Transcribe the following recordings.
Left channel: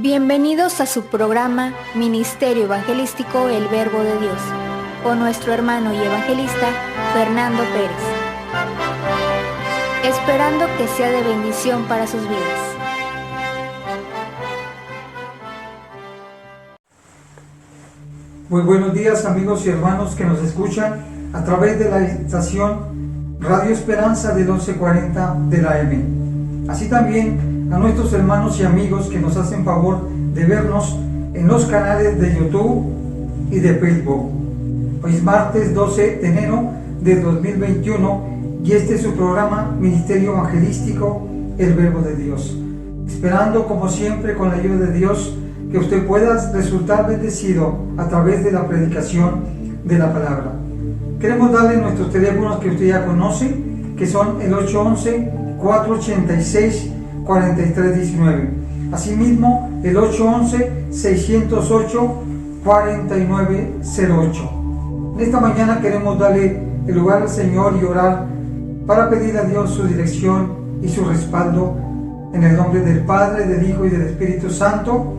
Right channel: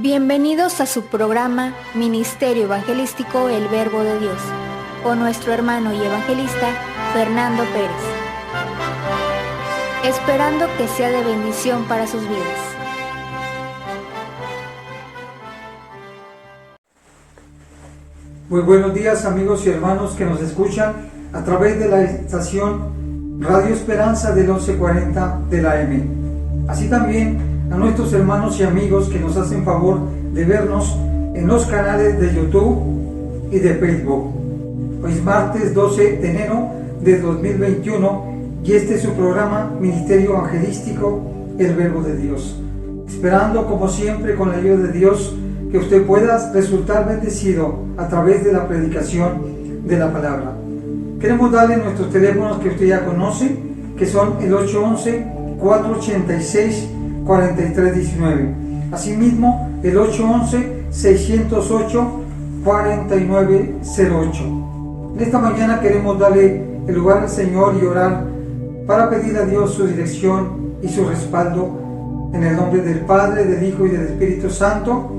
Bienvenidos a su programa Ministerio Evangelístico El Verbo de Dios, con nuestro hermano y evangelista Fernando Pérez. Esperando que sea de bendición para sus vidas. Muy buenos días, amigos y hermanos que nos escuchan a través de la estación Radio Esperanza del 1140 de la AM. Así también a nuestros hermanos y amigos que nos hacen favor de vernos en los canales de YouTube y de Facebook. Hoy es martes 12 de enero de 2021 y este es su programa Ministerio Evangelístico El Verbo de Dios. Esperando como siempre con la ayuda de Dios que usted pueda resultar bendecido a través de la predicación de la palabra. Queremos darle nuestros teléfonos que usted ya conoce, que son el 811-486-4319. Asimismo, el 811-608-4908. En esta mañana queremos darle el lugar al Señor y orar para pedir a Dios su dirección y su respaldo en el nombre del Padre, del Hijo y del Espíritu Santo.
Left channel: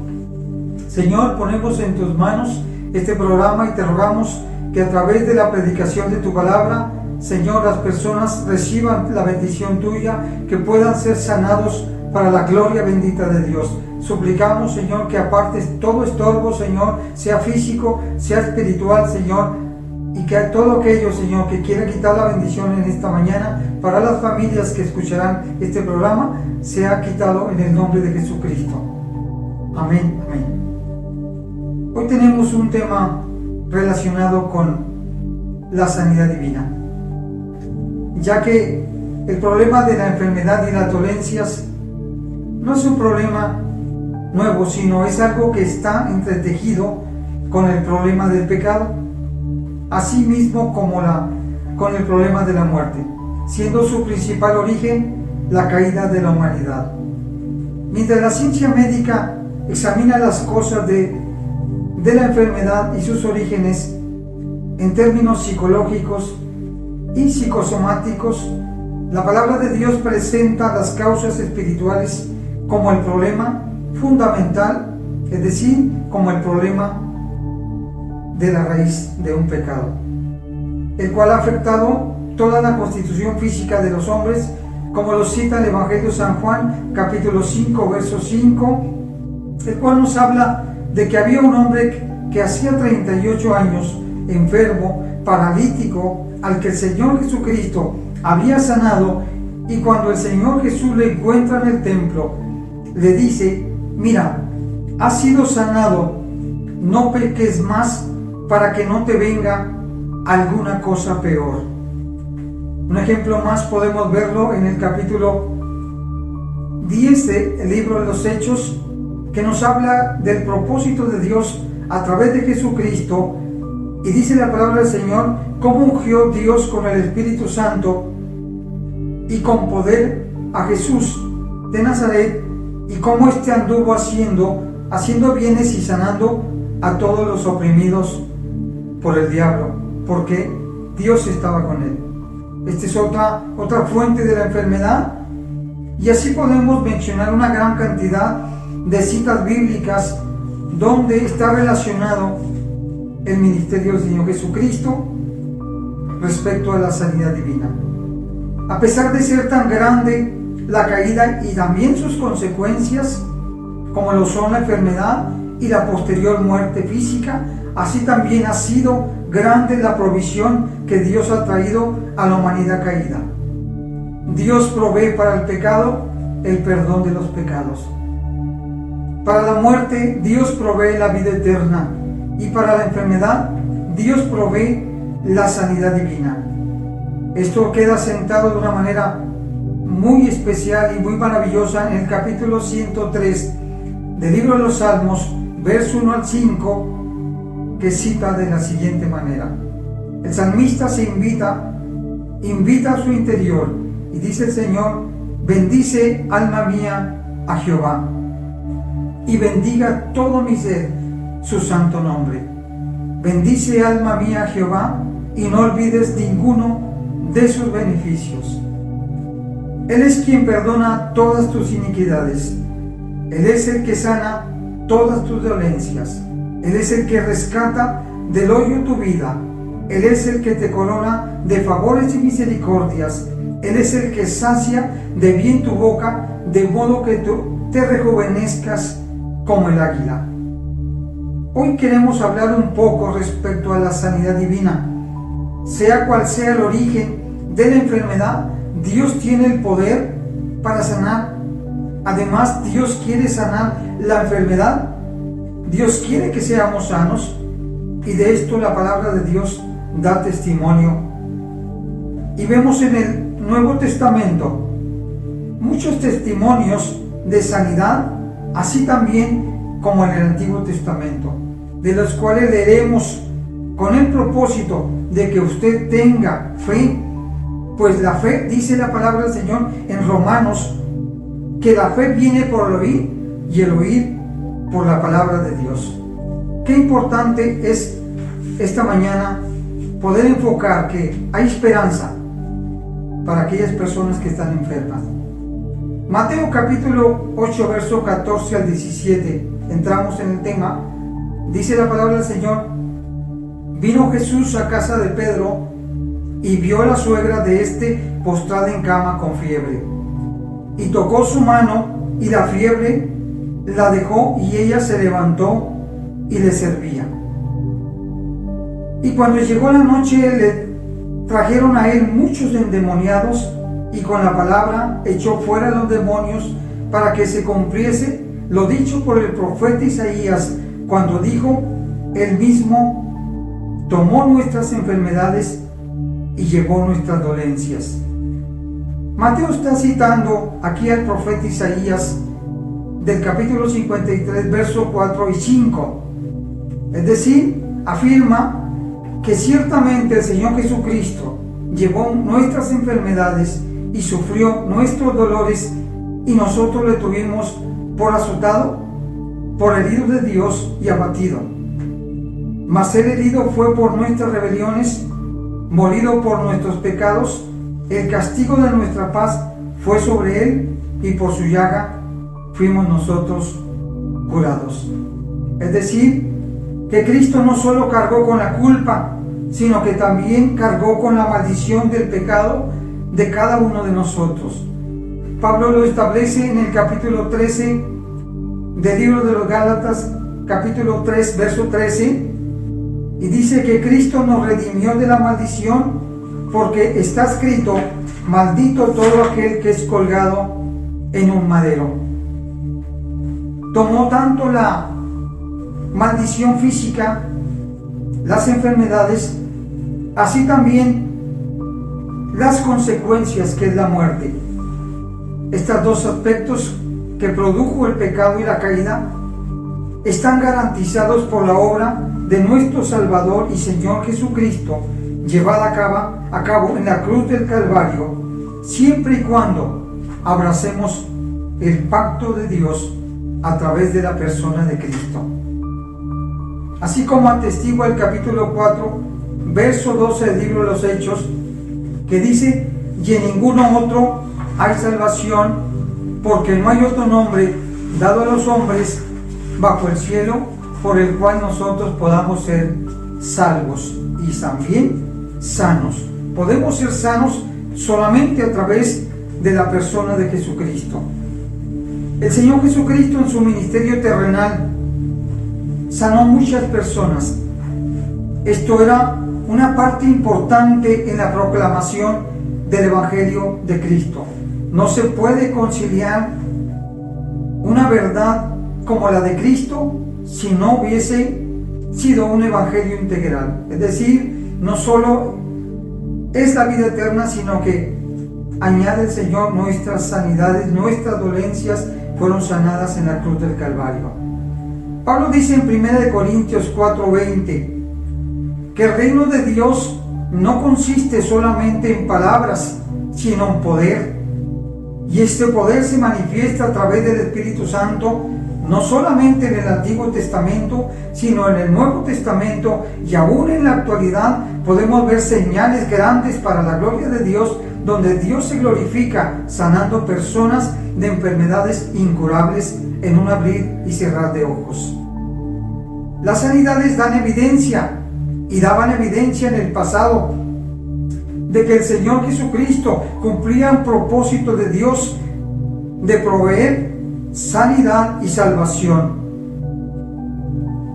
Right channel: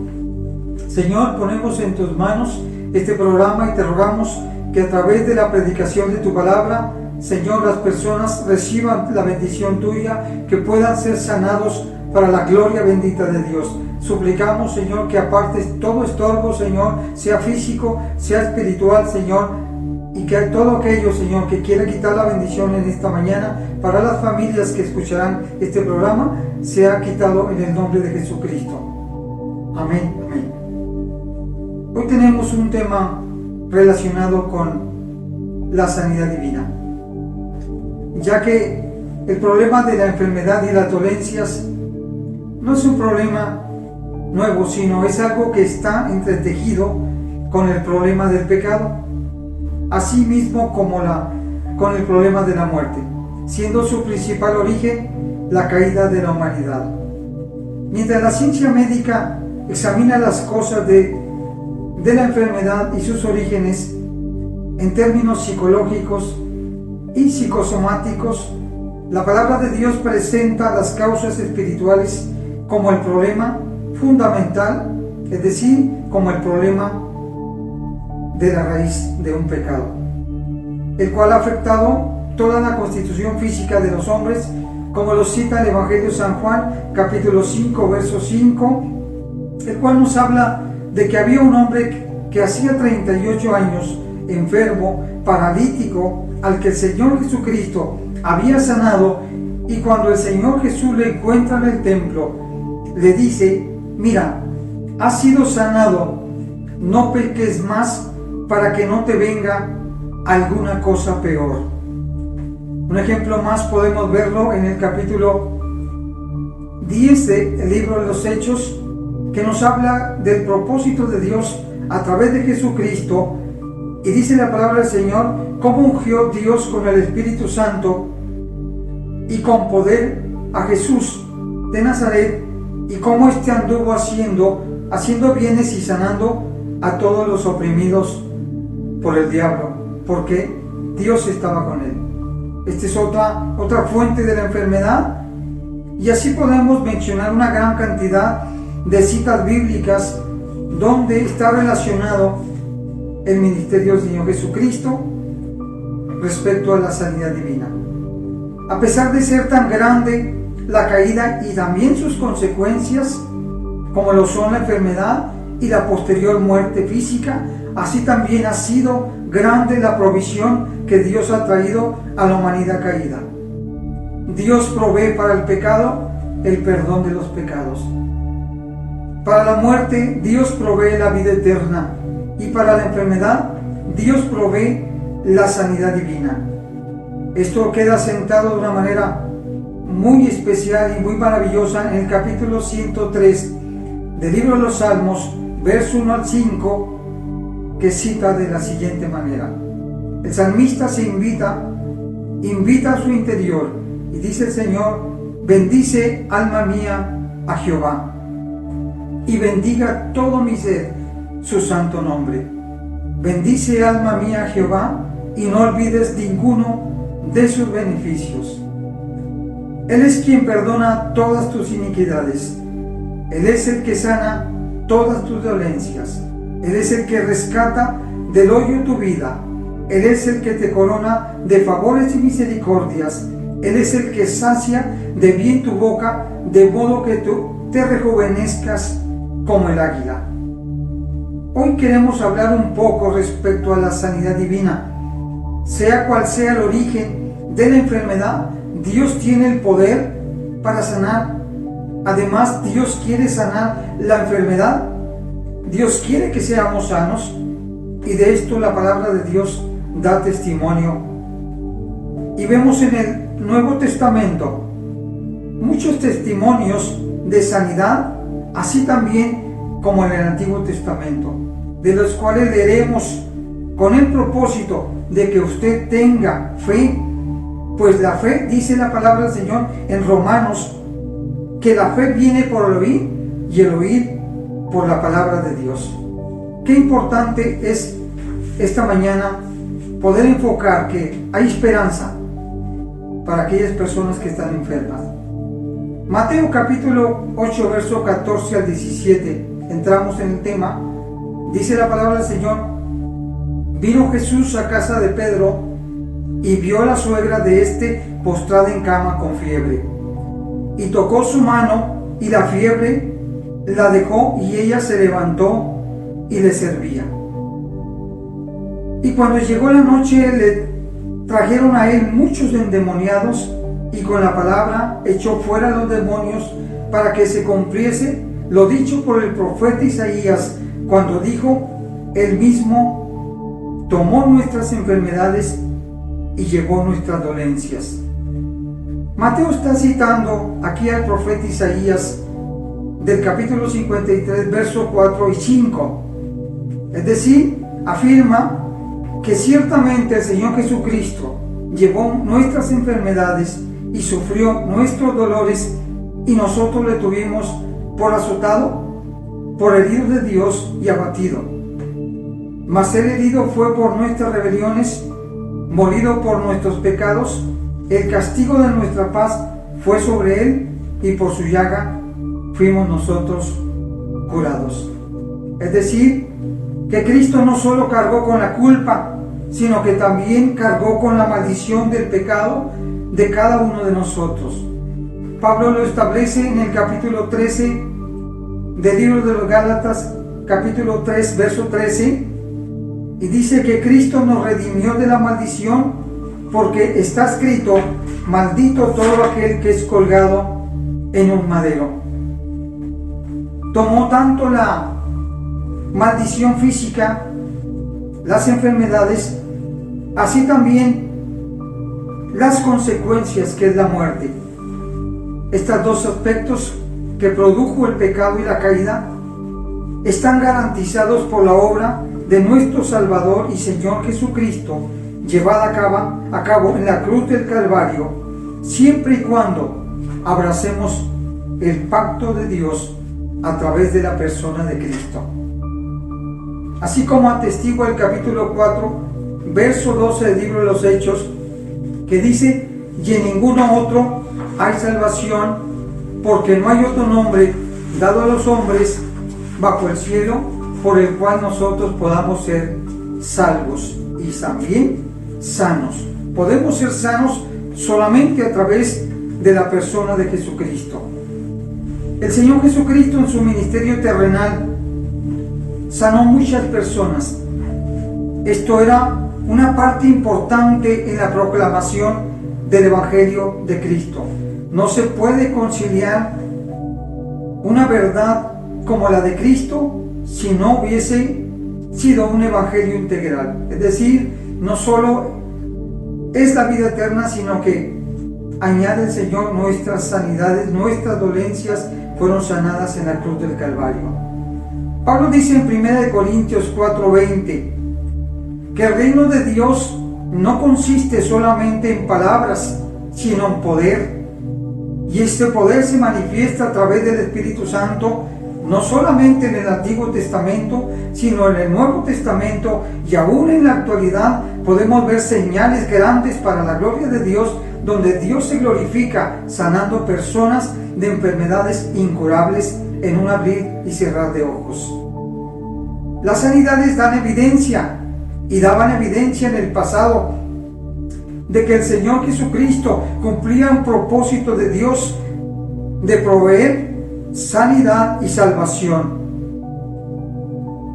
Señor, ponemos en tus manos este programa y te rogamos que a través de la predicación de tu palabra, Señor, las personas reciban la bendición tuya, que puedan ser sanados para la gloria bendita de Dios. Suplicamos, Señor, que apartes todo estorbo, Señor, sea físico, sea espiritual, Señor, y que todo aquello, Señor, que quiera quitar la bendición en esta mañana para las familias que escucharán este programa, sea quitado en el nombre de Jesucristo. Amén, amén. Hoy tenemos un tema relacionado con la sanidad divina, ya que el problema de la enfermedad y las dolencias no es un problema nuevo, sino es algo que está entretejido con el problema del pecado, así mismo como con el problema de la muerte, siendo su principal origen la caída de la humanidad. Mientras la ciencia médica examina las cosas de la enfermedad y sus orígenes en términos psicológicos y psicosomáticos, la palabra de Dios presenta las causas espirituales como el problema fundamental, es decir, como el problema de la raíz de un pecado, el cual ha afectado toda la constitución física de los hombres, como lo cita el Evangelio de San Juan, capítulo 5, verso 5, el cual nos habla de que había un hombre que hacía 38 años, enfermo, paralítico, al que el Señor Jesucristo había sanado, y cuando el Señor Jesús le encuentra en el templo, le dice: mira, has sido sanado, no peques más para que no te venga alguna cosa peor. Un ejemplo más podemos verlo en el capítulo 10 del libro de los Hechos, que nos habla del propósito de Dios a través de Jesucristo, y dice la palabra del Señor cómo ungió Dios con el Espíritu Santo y con poder a Jesús de Nazaret, y cómo éste anduvo haciendo bienes y sanando a todos los oprimidos por el diablo, porque Dios estaba con él. Esta es otra fuente de la enfermedad, y así podemos mencionar una gran cantidad de citas bíblicas donde está relacionado el ministerio del Señor Jesucristo respecto a la sanidad divina. A pesar de ser tan grande la caída y también sus consecuencias, como lo son la enfermedad y la posterior muerte física, así también ha sido grande la provisión que Dios ha traído a la humanidad caída. Dios provee para el pecado el perdón de los pecados. Para la muerte, Dios provee la vida eterna, y para la enfermedad, Dios provee la sanidad divina. Esto queda sentado de una manera muy especial y muy maravillosa en el capítulo 103 del libro de los Salmos, verso 1 al 5, que cita de la siguiente manera. El salmista se invita a su interior, y dice el Señor: bendice, alma mía, a Jehová, y bendiga todo mi ser su santo nombre. Bendice, alma mía, a Jehová, y no olvides ninguno de sus beneficios. Él es quien perdona todas tus iniquidades. Él es el que sana todas tus dolencias. Él es el que rescata del hoyo tu vida. Él es el que te corona de favores y misericordias. Él es el que sacia de bien tu boca, de modo que tú te rejuvenezcas como el águila. Hoy queremos hablar un poco respecto a la sanidad divina. Sea cual sea el origen de la enfermedad, Dios tiene el poder para sanar. Además, Dios quiere sanar la enfermedad. Dios quiere que seamos sanos, y de esto la palabra de Dios da testimonio. Y vemos en el Nuevo Testamento muchos testimonios de sanidad, así también como en el Antiguo Testamento, de los cuales leeremos con el propósito de que usted tenga fe, pues la fe, dice la palabra del Señor en Romanos, que la fe viene por el oír y el oír por la palabra de Dios. Qué importante es esta mañana poder enfocar que hay esperanza para aquellas personas que están enfermas. Mateo capítulo 8, verso 14 al 17, entramos en el tema. Dice la palabra del Señor: vino Jesús a casa de Pedro y vio a la suegra de éste postrada en cama con fiebre. Y tocó su mano, y la fiebre la dejó, y ella se levantó y le servía. Y cuando llegó la noche, le trajeron a él muchos endemoniados, y con la palabra echó fuera los demonios, para que se cumpliese lo dicho por el profeta Isaías, cuando dijo: él mismo tomó nuestras enfermedades y llevó nuestras dolencias. Mateo está citando aquí al profeta Isaías del capítulo 53, versos 4 y 5. Es decir, afirma que ciertamente el Señor Jesucristo llevó nuestras enfermedades y sufrió nuestros dolores, y nosotros le tuvimos por azotado, por herido de Dios y abatido. Mas el herido fue por nuestras rebeliones, molido por nuestros pecados. El castigo de nuestra paz fue sobre él, y por su llaga fuimos nosotros curados. Es decir, que Cristo no solo cargó con la culpa, sino que también cargó con la maldición del pecado de cada uno de nosotros. Pablo lo establece en el capítulo 13 del libro de los Gálatas, capítulo 3, verso 13, y dice que Cristo nos redimió de la maldición, porque está escrito: maldito todo aquel que es colgado en un madero. Tomó tanto la maldición física, las enfermedades, así también las consecuencias, que es la muerte. Estos dos aspectos que produjo el pecado y la caída están garantizados por la obra de nuestro Salvador y Señor Jesucristo, llevada a cabo en la cruz del Calvario, siempre y cuando abracemos el pacto de Dios a través de la persona de Cristo. Así como atestigua el capítulo 4, verso 12 del libro de los Hechos, que dice: y en ninguno otro hay salvación, porque no hay otro nombre dado a los hombres bajo el cielo por el cual nosotros podamos ser salvos y también sanos. Podemos ser sanos solamente a través de la persona de Jesucristo. El Señor Jesucristo, en su ministerio terrenal, sanó muchas personas. Esto era una parte importante en la proclamación del Evangelio de Cristo. No se puede conciliar una verdad como la de Cristo si no hubiese sido un evangelio integral. Es decir, no solo es la vida eterna, sino que añade el Señor nuestras sanidades, nuestras dolencias fueron sanadas en la cruz del Calvario. Pablo dice en 1 Corintios 4:20 que el reino de Dios no consiste solamente en palabras, sino en poder. Y este poder se manifiesta a través del Espíritu Santo, no solamente en el Antiguo Testamento, sino en el Nuevo Testamento, y aún en la actualidad podemos ver señales grandes para la gloria de Dios, donde Dios se glorifica sanando personas de enfermedades incurables en un abrir y cerrar de ojos. Las sanidades dan evidencia y daban evidencia en el pasado de que el Señor Jesucristo cumplía un propósito de Dios de proveer sanidad y salvación.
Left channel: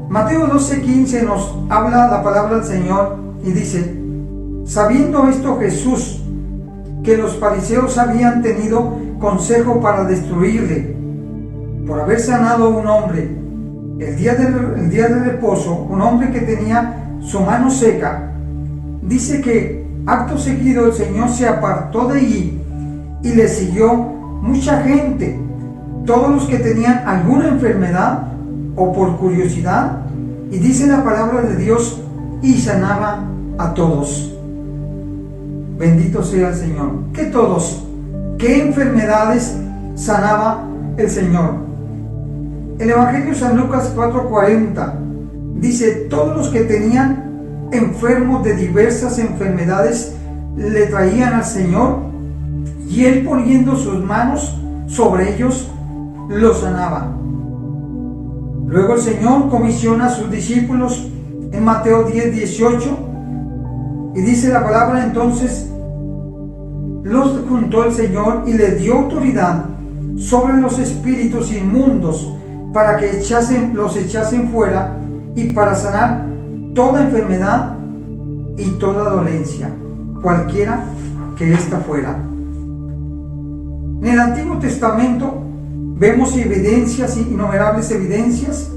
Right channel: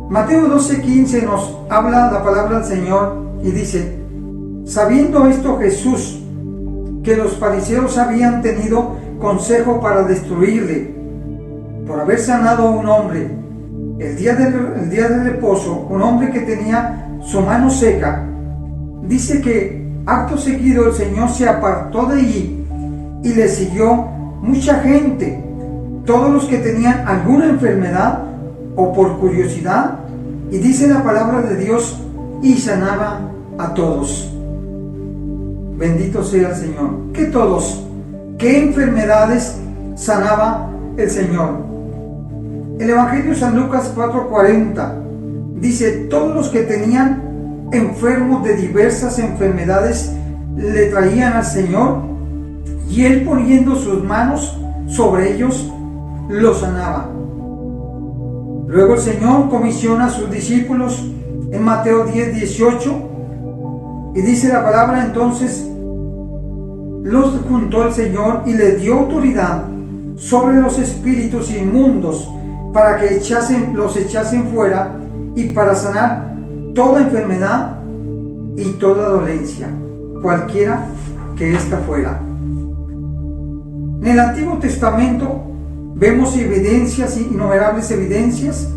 Mateo 12:15 nos habla la palabra del Señor y dice: sabiendo esto Jesús, que los fariseos habían tenido consejo para destruirle, por haber sanado a un hombre el día de reposo, un hombre que tenía su mano seca, dice que acto seguido el Señor se apartó de allí y le siguió mucha gente, todos los que tenían alguna enfermedad o por curiosidad, y dice la palabra de Dios, y sanaba a todos. Bendito sea el Señor. ¿Qué todos? ¿Qué enfermedades sanaba el Señor? El Evangelio de San Lucas 4:40 dice: todos los que tenían enfermos de diversas enfermedades le traían al Señor, y Él, poniendo sus manos sobre ellos, los sanaba. Luego el Señor comisiona a sus discípulos en Mateo 10:18 y dice la palabra: entonces los juntó el Señor y les dio autoridad sobre los espíritus inmundos para que los echasen fuera, y para sanar toda enfermedad y toda dolencia, cualquiera que ésta fuera. En el Antiguo Testamento vemos evidencias, innumerables evidencias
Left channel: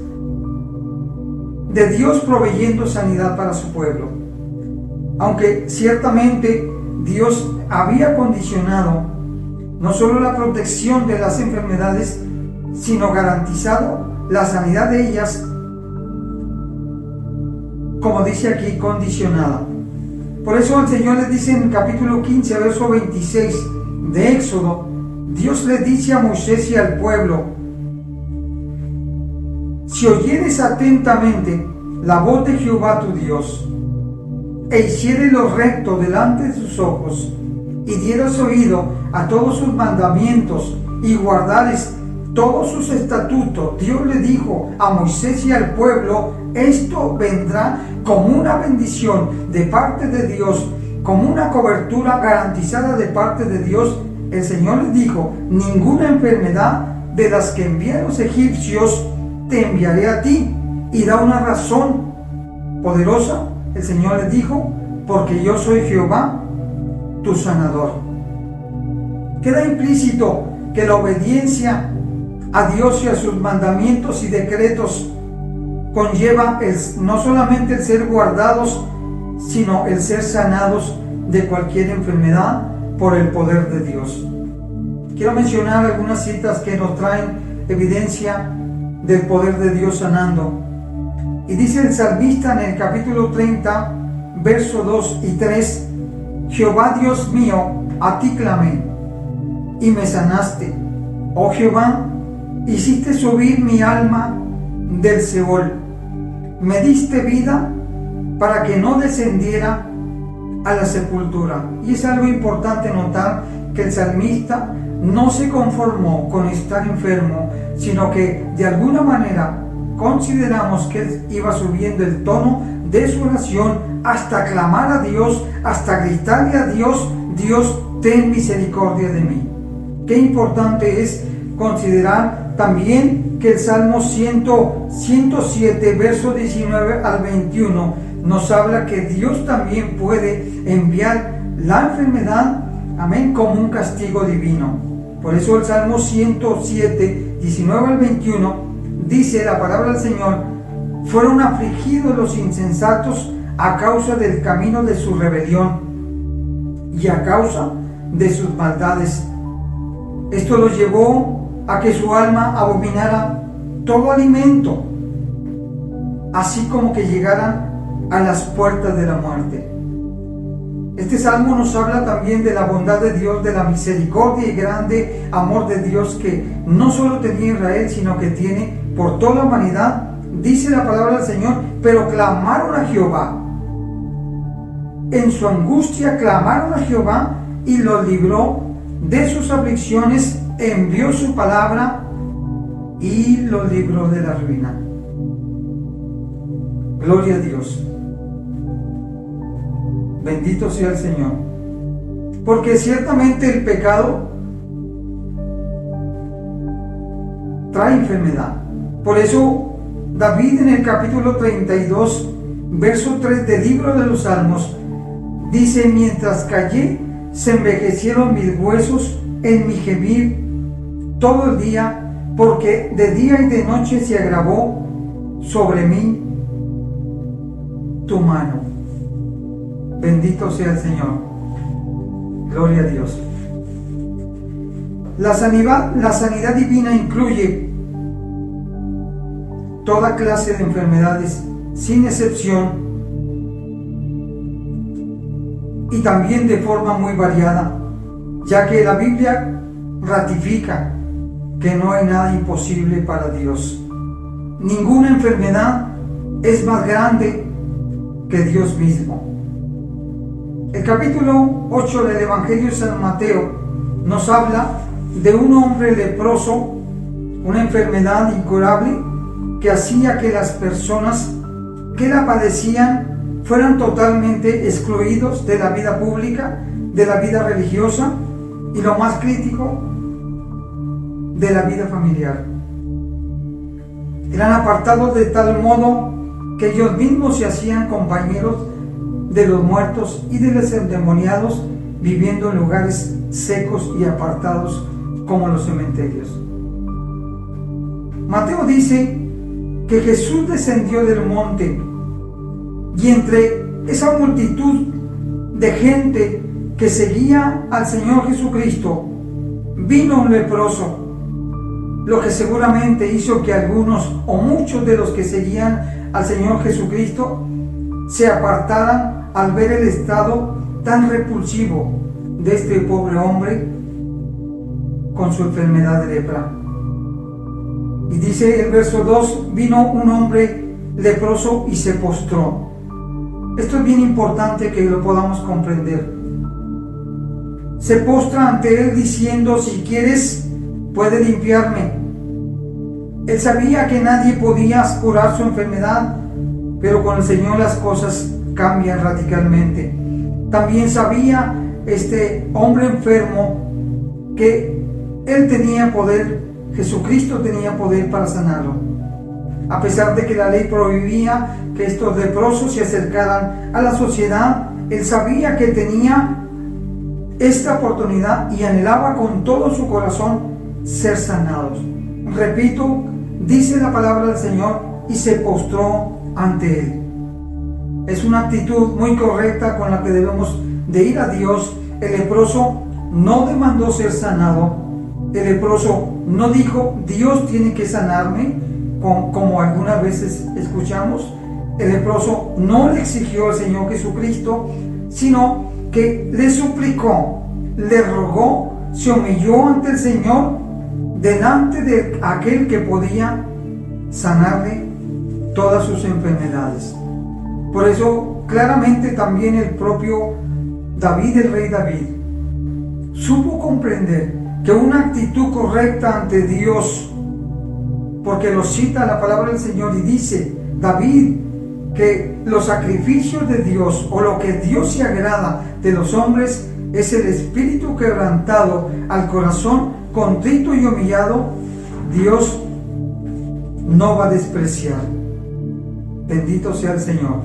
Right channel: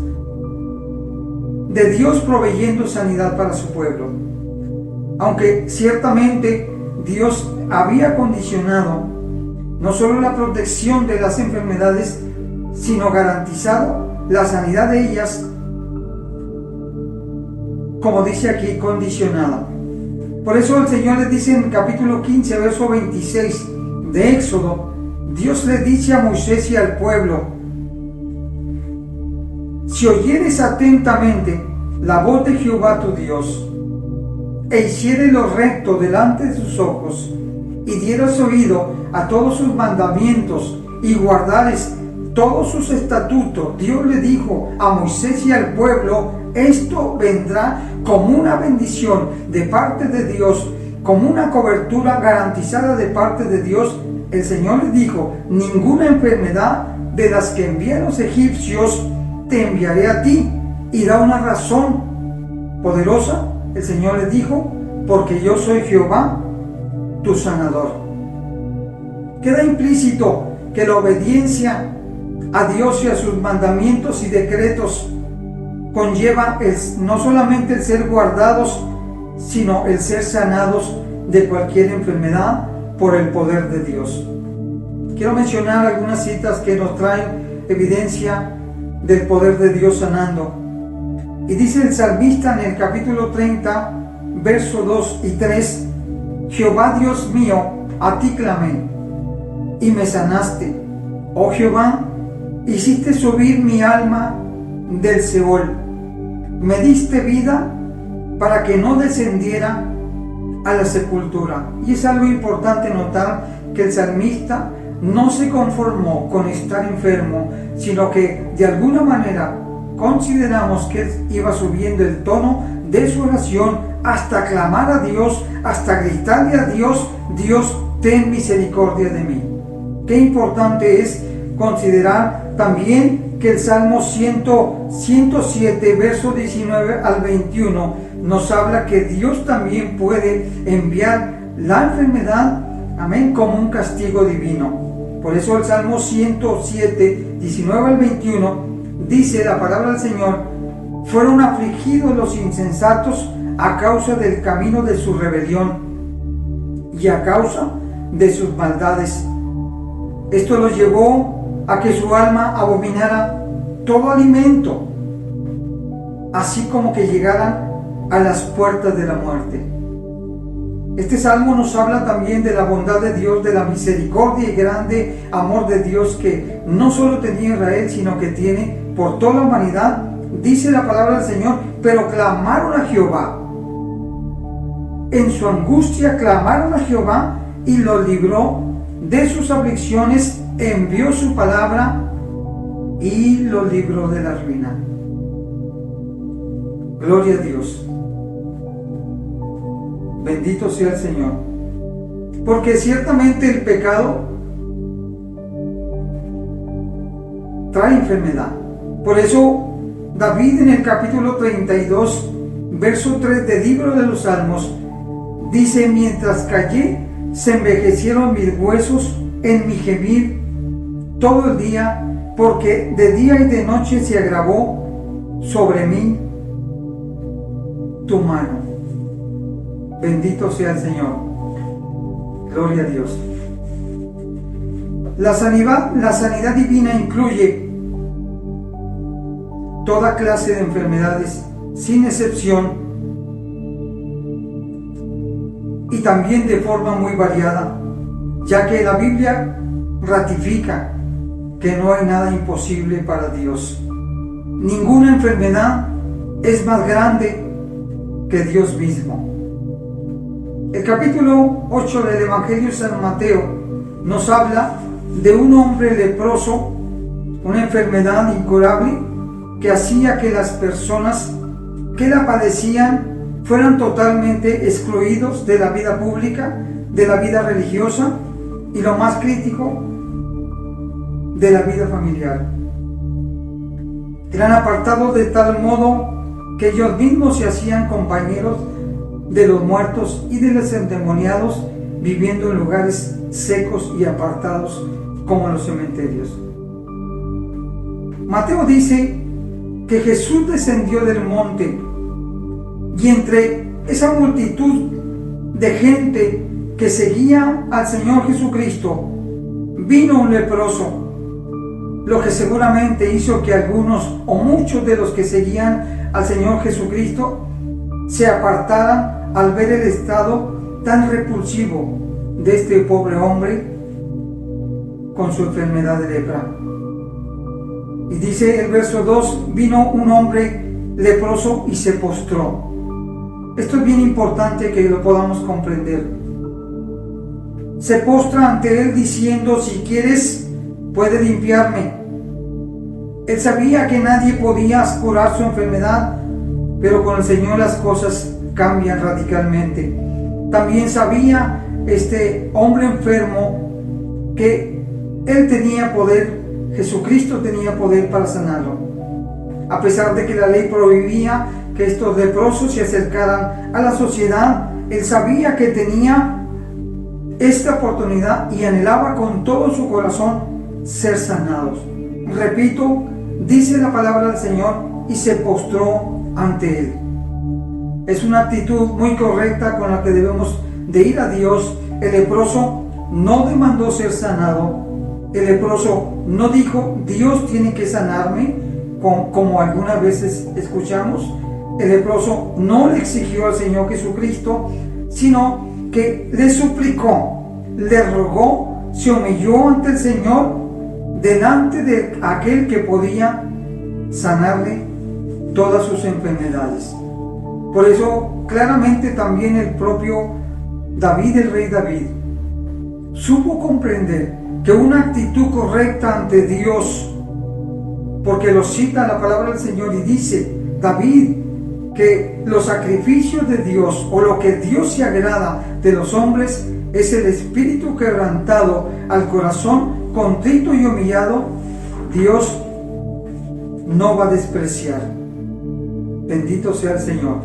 de Dios proveyendo sanidad para su pueblo. Aunque ciertamente Dios había condicionado no solo la protección de las enfermedades, sino garantizado la sanidad de ellas, como dice aquí, condicionada. Por eso el Señor les dice en el capítulo 15, verso 26 de Éxodo, Dios le dice a Moisés y al pueblo: si oyeres atentamente la voz de Jehová tu Dios, e hicieres lo recto delante de sus ojos, y dieras oído a todos sus mandamientos, y guardares todos sus estatutos, Dios le dijo a Moisés y al pueblo: esto vendrá como una bendición de parte de Dios, como una cobertura garantizada de parte de Dios. El Señor les dijo: ninguna enfermedad de las que envié a los egipcios te enviaré a ti. Y da una razón poderosa. El Señor les dijo: porque yo soy Jehová, tu sanador. Queda implícito que la obediencia a Dios y a sus mandamientos y decretos conlleva no solamente el ser guardados, sino el ser sanados de cualquier enfermedad por el poder de Dios. Quiero mencionar algunas citas que nos traen evidencia del poder de Dios sanando. Y dice el salmista en el capítulo 30, versos 2 y 3: Jehová Dios mío, a ti clamé, y me sanaste. Oh Jehová, hiciste subir mi alma del Seol. Me diste vida para que no descendiera a la sepultura. Y es algo importante notar que el salmista no se conformó con estar enfermo, sino que de alguna manera consideramos que él iba subiendo el tono de su oración hasta clamar a Dios, hasta gritarle a Dios: Dios, ten misericordia de mí. Qué importante es considerar también que el Salmo 107, verso 19 al 21, nos habla que Dios también puede enviar la enfermedad, amén, como un castigo divino. Por eso el Salmo 107, 19 al 21, dice la palabra del Señor: fueron afligidos los insensatos a causa del camino de su rebelión y a causa de sus maldades. Esto los llevó a que su alma abominara todo alimento, así como que llegaran a las puertas de la muerte. Este salmo nos habla también de la bondad de Dios, de la misericordia y grande amor de Dios que no solo tenía Israel, sino que tiene por toda la humanidad. Dice la palabra del Señor: pero clamaron a Jehová. En su angustia clamaron a Jehová y los libró de sus aflicciones, envió su palabra y los libró de la ruina. Gloria a Dios. Bendito sea el Señor. Porque ciertamente el pecado trae enfermedad. Por eso David en el capítulo 32, verso 3 del libro de los Salmos, dice: mientras callé, se envejecieron mis huesos en mi gemir todo el día, porque de día y de noche se agravó sobre mí tu mano. Bendito sea el Señor. Gloria a Dios. La sanidad divina incluye toda clase de enfermedades, sin excepción, y también de forma muy variada, ya que la Biblia ratifica que no hay nada imposible para Dios. Ninguna enfermedad es más grande que Dios mismo. El capítulo 8 del Evangelio de San Mateo nos habla de un hombre leproso, una enfermedad incurable que hacía que las personas que la padecían fueran totalmente excluidos de la vida pública, de la vida religiosa y, lo más crítico, de la vida familiar. Eran apartados de tal modo que ellos mismos se hacían compañeros de los muertos y de los endemoniados, viviendo en lugares secos y apartados como los cementerios. Mateo dice que Jesús descendió del monte y entre esa multitud de gente que seguía al Señor Jesucristo vino un leproso, lo que seguramente hizo que algunos o muchos de los que seguían al Señor Jesucristo se apartaran al ver el estado tan repulsivo de este pobre hombre con su enfermedad de lepra. Y dice el verso 2: vino un hombre leproso y se postró. Esto es bien importante que lo podamos comprender. Se postra ante él diciendo: si quieres, puede limpiarme. Él sabía que nadie podía curar su enfermedad, pero con el Señor las cosas cambian radicalmente. También sabía este hombre enfermo que él tenía poder, Jesucristo tenía poder para sanarlo. A pesar de que la ley prohibía que estos leprosos se acercaran a la sociedad, él sabía que tenía esta oportunidad y anhelaba con todo su corazón ser sanados. Repito, dice la palabra del Señor: y se postró ante él. Es una actitud muy correcta con la que debemos de ir a Dios. El leproso no demandó ser sanado. El leproso no dijo: Dios tiene que sanarme, como algunas veces escuchamos. El leproso no le exigió al Señor Jesucristo, sino que le suplicó, le rogó, se humilló ante el Señor, delante de aquel que podía sanarle todas sus enfermedades. Por eso claramente también el propio David, el rey David, supo comprender que una actitud correcta ante Dios, porque lo cita la palabra del Señor y dice David que los sacrificios de Dios, o lo que Dios se agrada de los hombres, es el espíritu quebrantado, al corazón contrito y humillado, Dios no va a despreciar. Bendito sea el Señor.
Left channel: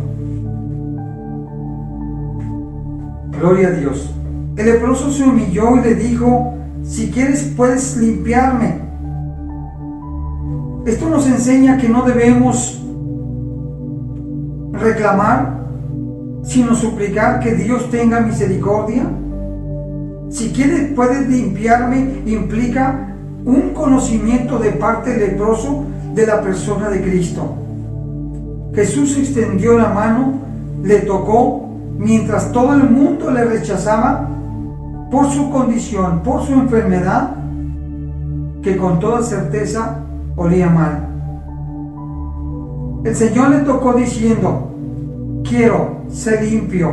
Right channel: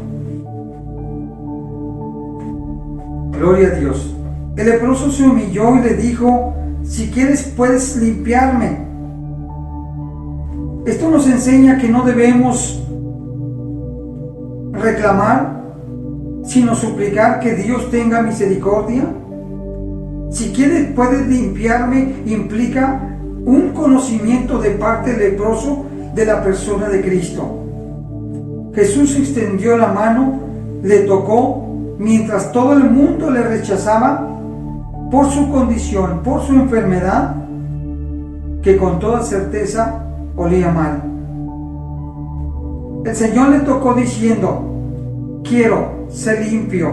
Gloria a Dios. El leproso se humilló y le dijo: si quieres, puedes limpiarme. Esto nos enseña que no debemos reclamar, sino suplicar que Dios tenga misericordia. Si quieres, puedes limpiarme implica un conocimiento de parte del leproso de la persona de Cristo. Jesús extendió la mano, le tocó, mientras todo el mundo le rechazaba por su condición, por su enfermedad, que con toda certeza olía mal. El Señor le tocó diciendo: quiero ser limpio,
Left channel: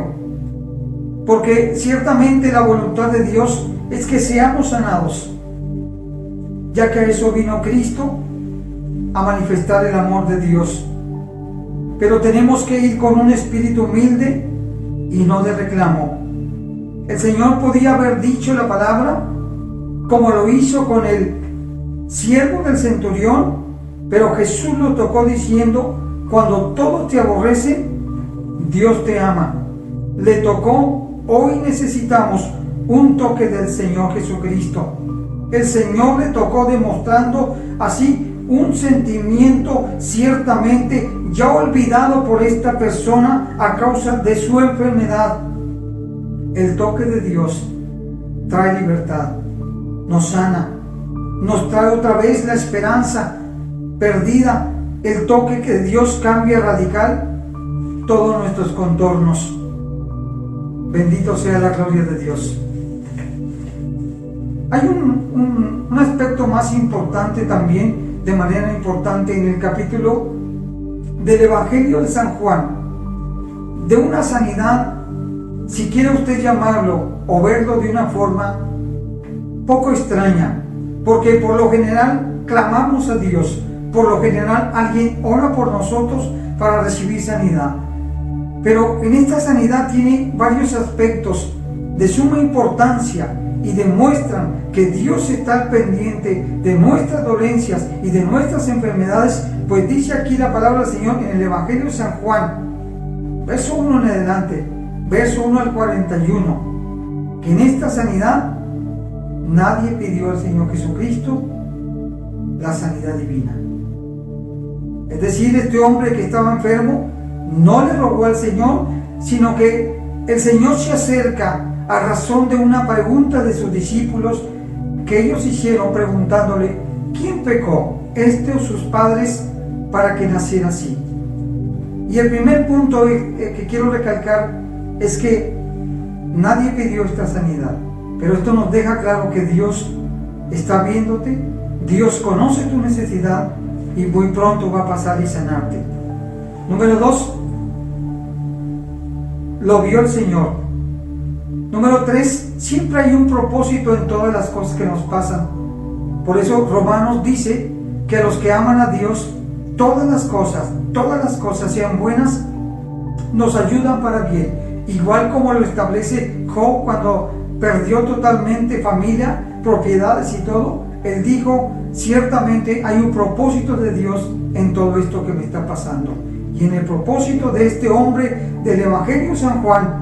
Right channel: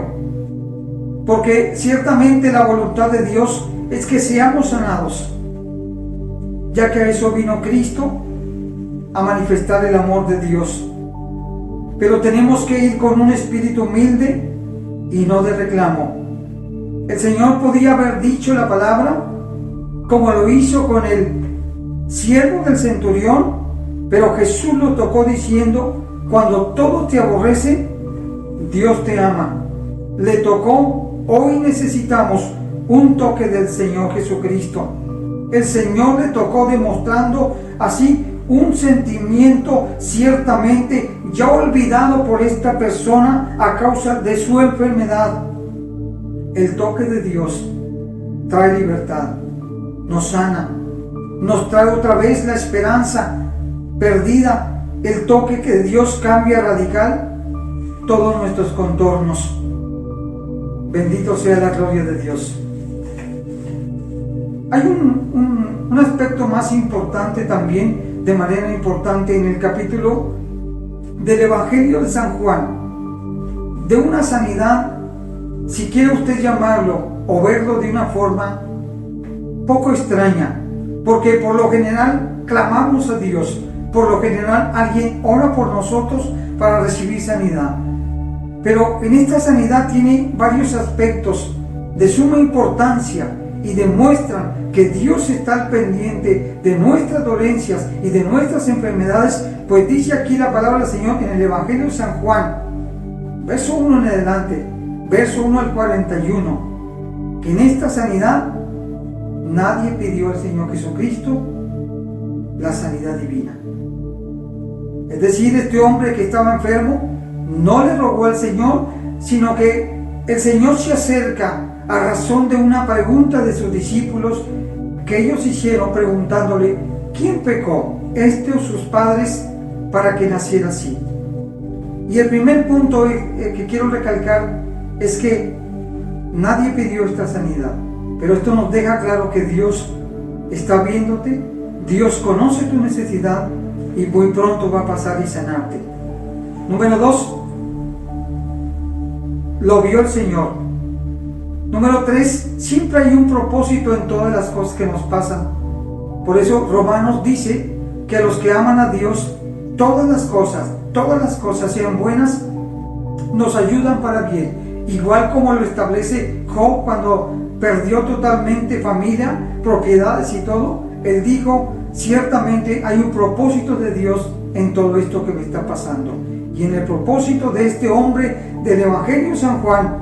porque ciertamente la voluntad de Dios es que seamos sanados, ya que a eso vino Cristo, a manifestar el amor de Dios. Pero tenemos que ir con un espíritu humilde y no de reclamo. El Señor podía haber dicho la palabra como lo hizo con el siervo del centurión, pero Jesús lo tocó diciendo: cuando todos te aborrecen, Dios te ama. Le tocó. Hoy necesitamos un toque del Señor Jesucristo. El Señor le tocó demostrando así un sentimiento ciertamente ya olvidado por esta persona a causa de su enfermedad. El toque de Dios trae libertad, nos sana, nos trae otra vez la esperanza perdida. El toque que Dios cambia radical todos nuestros contornos. Bendito sea la gloria de Dios. Hay un aspecto más importante también, de manera importante, en el capítulo del Evangelio de San Juan, de una sanidad, si quiere usted llamarlo o verlo de una forma poco extraña, porque por lo general clamamos a Dios, por lo general alguien ora por nosotros para recibir sanidad, pero en esta sanidad tiene varios aspectos de suma importancia y demuestran que Dios está al pendiente de nuestras dolencias y de nuestras enfermedades, pues dice aquí la palabra del Señor en el Evangelio de San Juan, verso 1 en adelante, verso 1 al 41, que en esta sanidad nadie pidió al Señor Jesucristo la sanidad divina. Es decir, este hombre que estaba enfermo no le rogó al Señor, sino que el Señor se acerca a razón de una pregunta de sus discípulos que ellos hicieron preguntándole: ¿quién pecó, este o sus padres, para que naciera así? Y el primer punto que quiero recalcar es que nadie pidió esta sanidad, pero esto nos deja claro que Dios está viéndote, Dios conoce tu necesidad y muy pronto va a pasar y sanarte. Número 2, lo vio el Señor. Número 3, siempre hay un propósito en todas las cosas que nos pasan. Por eso Romanos dice que los que aman a Dios, todas las cosas sean buenas, nos ayudan para bien. Igual como lo establece Job cuando perdió totalmente familia, propiedades y todo, él dijo: ciertamente hay un propósito de Dios en todo esto que me está pasando. Y en el propósito de este hombre del Evangelio de San Juan,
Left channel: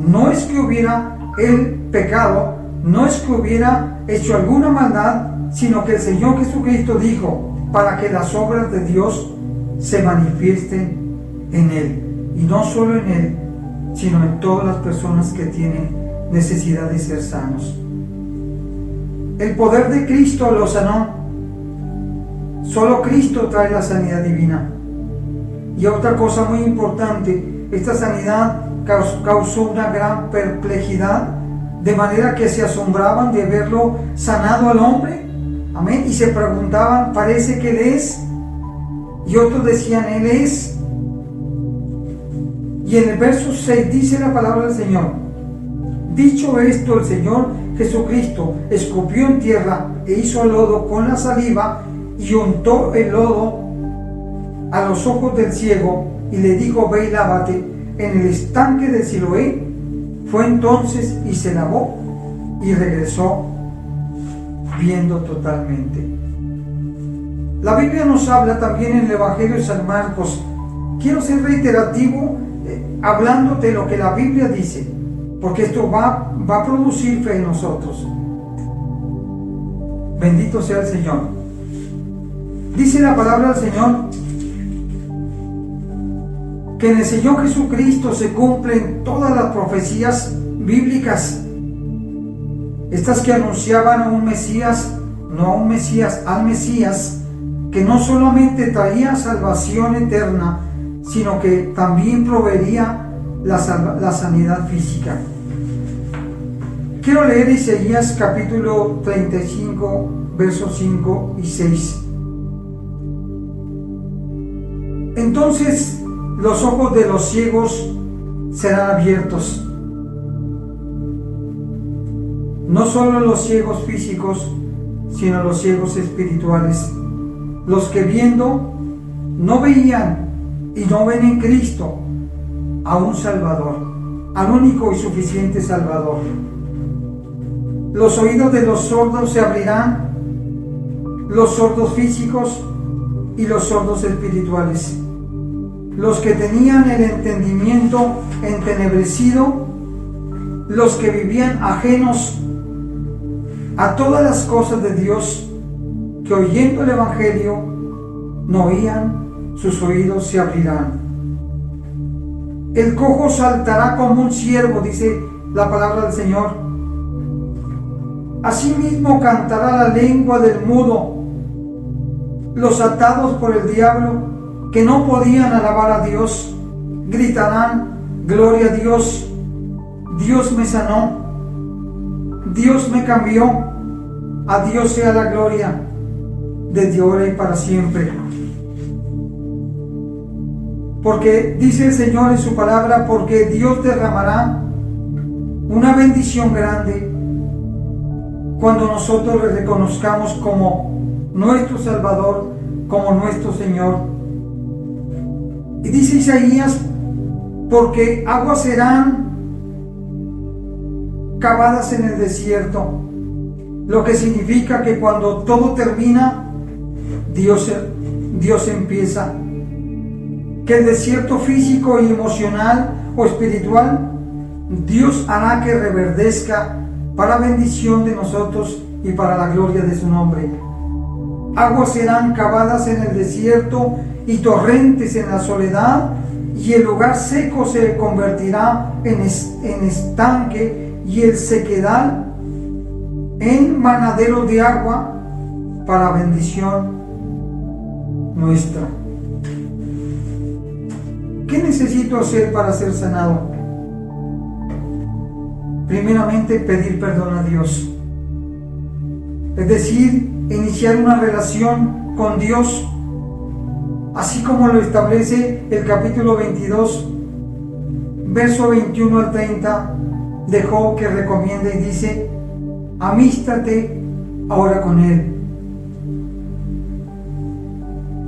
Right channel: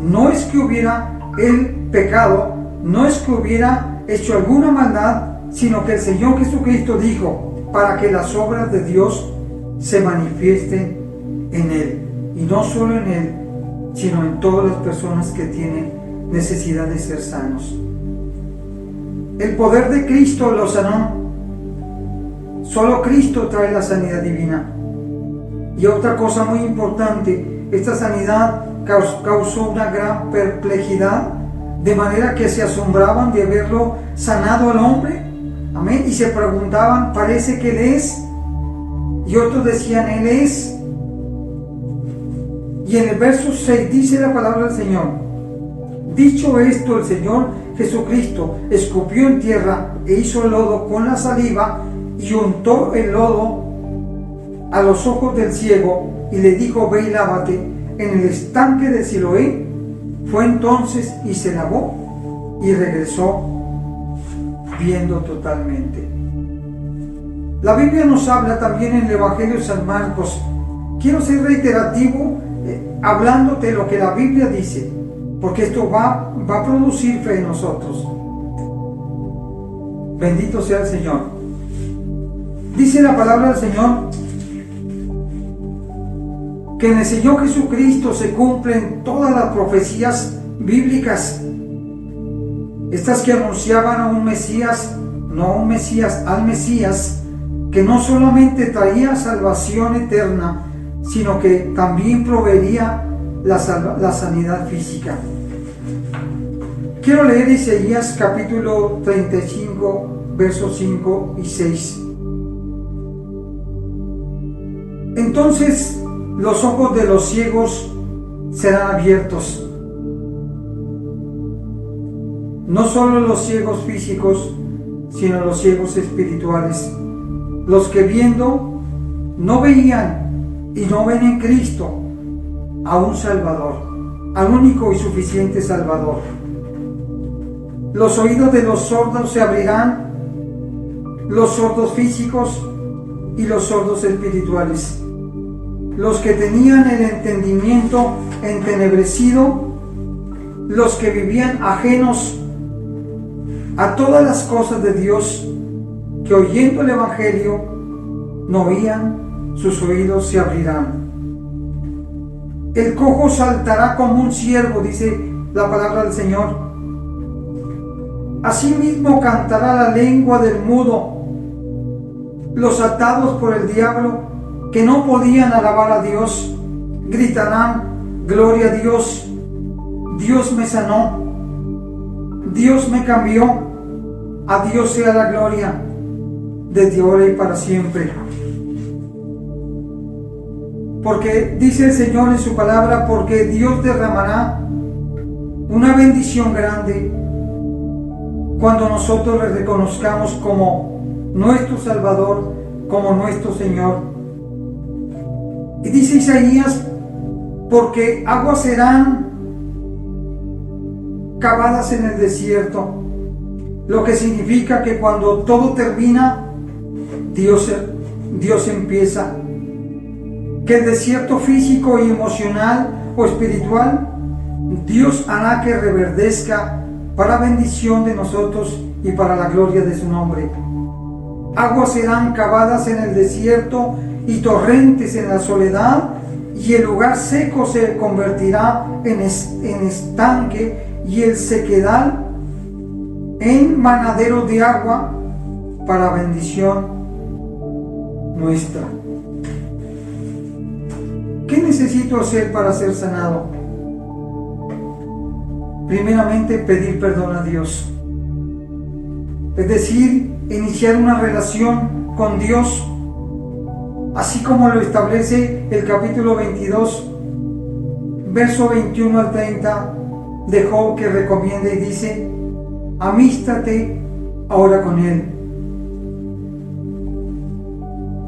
no es que hubiera él pecado, no es que hubiera hecho alguna maldad, sino que el Señor Jesucristo dijo: para que las obras de Dios se manifiesten en él, y no solo en él, sino en todas las personas que tienen necesidad de ser sanos. El poder de Cristo lo sanó. Solo Cristo trae la sanidad divina. Y otra cosa muy importante, esta sanidad causó una gran perplejidad, de manera que se asombraban de verlo sanado al hombre, amén, y se preguntaban: parece que Él es, y otros decían: Él es. Y en el verso 6 dice la palabra del Señor: dicho esto, el Señor Jesucristo escupió en tierra e hizo lodo con la saliva y untó el lodo a los ojos del ciego y le dijo: ve y lávate en el estanque de Siloé. Fue entonces y se lavó y regresó viendo totalmente. La Biblia nos habla también en el Evangelio de San Marcos. Quiero ser reiterativo hablándote lo que la Biblia dice, porque esto va a producir fe en nosotros. Bendito sea el Señor. Dice la palabra del Señor que en el Señor Jesucristo se cumplen todas las profecías bíblicas, estas que anunciaban a un Mesías, no a un Mesías, al Mesías, que no solamente traía salvación eterna, sino que también proveería la sanidad física. Quiero leer Isaías capítulo 35, versos 5 y 6. Entonces los ojos de los ciegos serán abiertos. No solo los ciegos físicos, sino los ciegos espirituales. los que viendo no veían y no ven en Cristo a un Salvador, al único y suficiente Salvador. Los oídos de los sordos se abrirán, los sordos físicos y los sordos espirituales. Los que tenían el entendimiento entenebrecido, los que vivían ajenos a todas las cosas de Dios, que oyendo el Evangelio no oían, sus oídos se abrirán. El cojo saltará como un ciervo, dice la palabra del Señor. Asimismo cantará la lengua del mudo. Los atados por el diablo, que no podían alabar a Dios, gritarán: gloria a Dios, Dios me sanó, Dios me cambió, a Dios sea la gloria, desde ahora y para siempre. Porque dice el Señor en su palabra, porque Dios derramará una bendición grande cuando nosotros le reconozcamos como nuestro Salvador, como nuestro Señor. Y dice Isaías, porque aguas serán cavadas en el desierto, lo que significa que cuando todo termina, Dios empieza. Que el desierto físico y emocional o espiritual, Dios hará que reverdezca para bendición de nosotros y para la gloria de su nombre. Aguas serán cavadas en el desierto y torrentes en la soledad, y el lugar seco se convertirá en estanque, y el sequedal en manadero de agua para bendición nuestra. ¿Qué necesito hacer para ser sanado? Primeramente, pedir perdón a Dios. Es decir, iniciar una relación con Dios, así como lo establece el capítulo 22, verso 21 al 30 de Job, que recomienda y dice: amístate ahora con Él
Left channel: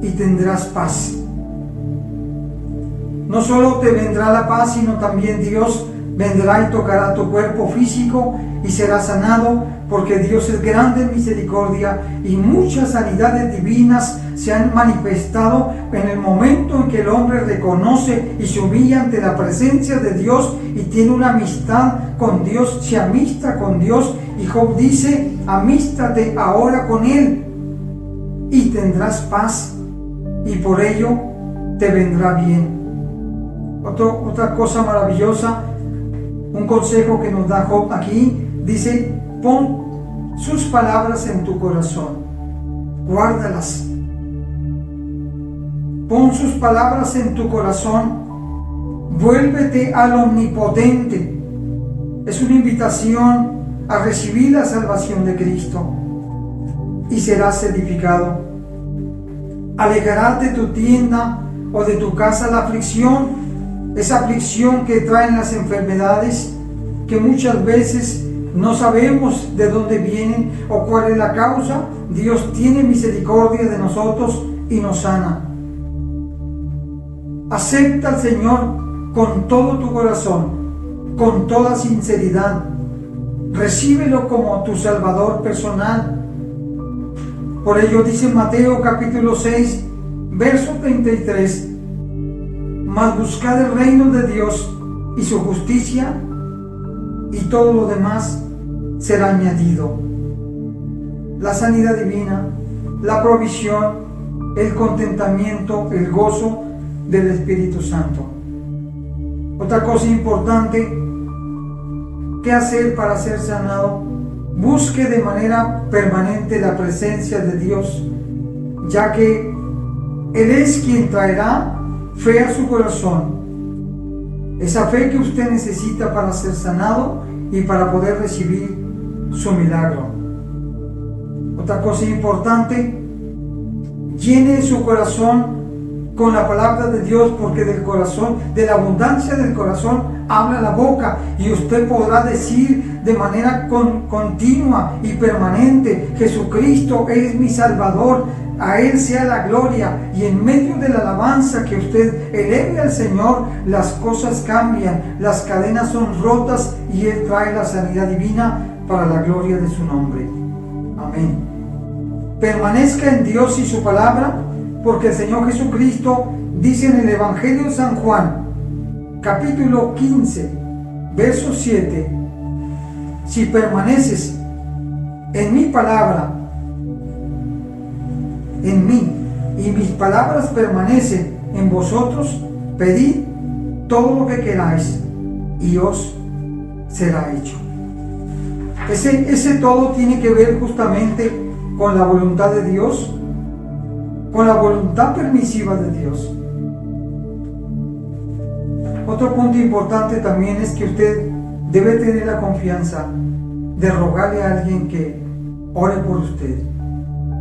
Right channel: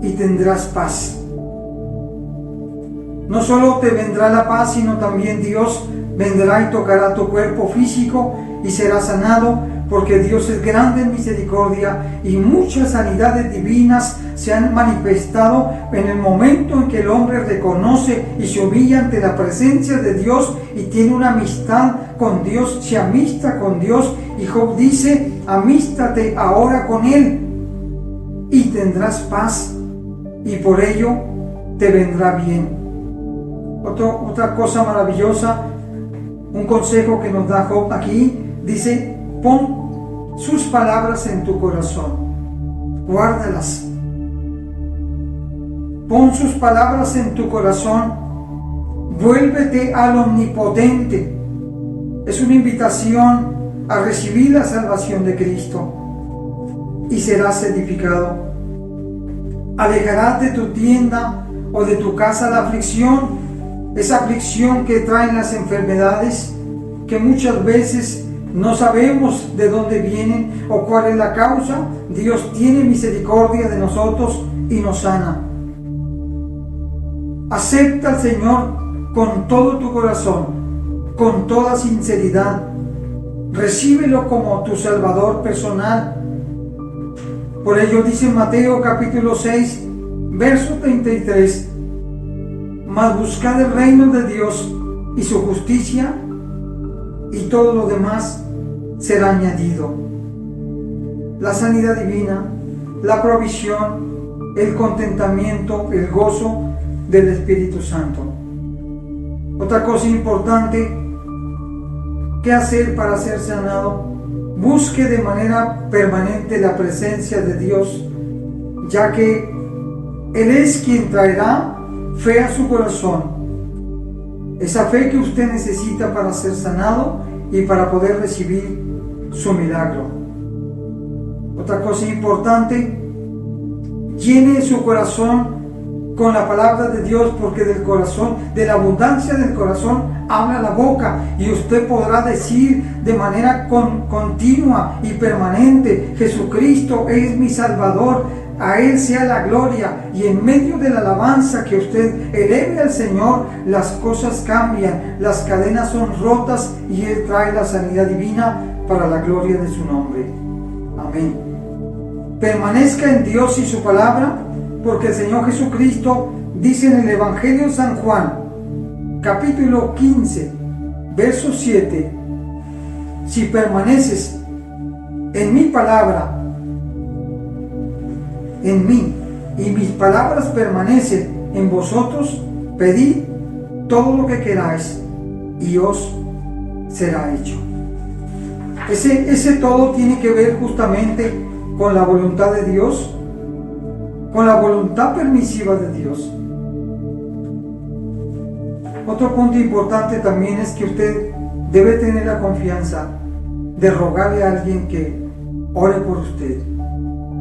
y tendrás paz. No solo te vendrá la paz, sino también Dios vendrá y tocará tu cuerpo físico y serás sanado, porque Dios es grande en misericordia y muchas sanidades divinas se han manifestado en el momento en que el hombre reconoce y se humilla ante la presencia de Dios y tiene una amistad con Dios, se amista con Dios. Y Job dice: amístate ahora con Él y tendrás paz, y por ello te vendrá bien. Otra cosa maravillosa, un consejo que nos da Job aquí, dice: pon sus palabras en tu corazón, guárdalas. Pon sus palabras en tu corazón, vuélvete al Omnipotente. Es una invitación a recibir la salvación de Cristo y serás edificado. Alejarás de tu tienda o de tu casa la aflicción, esa aflicción que traen las enfermedades, que muchas veces no sabemos de dónde vienen o cuál es la causa. Dios tiene misericordia de nosotros y nos sana. Acepta al Señor con todo tu corazón, con toda sinceridad. Recíbelo como tu Salvador personal. Por ello dice Mateo capítulo 6, verso 33: mas buscad el reino de Dios y su justicia, y todo lo demás será añadido. La sanidad divina, la provisión, el contentamiento, el gozo del Espíritu Santo. Otra cosa importante, ¿qué hacer para ser sanado? Busque de manera permanente la presencia de Dios, ya que Él es quien traerá fe a su corazón, esa fe que usted necesita para ser sanado y para poder recibir su milagro. Otra cosa importante, llene su corazón con la palabra de Dios, porque del corazón, de la abundancia del corazón, habla la boca, y usted podrá decir de manera continua y permanente: Jesucristo es mi Salvador, a Él sea la gloria, y en medio de la alabanza que usted eleve al Señor, las cosas cambian, las cadenas son rotas y Él trae la sanidad divina para la gloria de su nombre. Amén. Permanezca en Dios y su palabra, porque el Señor Jesucristo dice en el Evangelio de San Juan, capítulo 15, verso 7, si permaneces en mi palabra, en mí, y mis palabras permanecen en vosotros, pedid todo lo que queráis y os será hecho. Ese todo tiene que ver justamente con la voluntad de Dios, con la voluntad permisiva de Dios. Otro punto importante también es que usted debe tener la confianza de rogarle a alguien que ore por usted.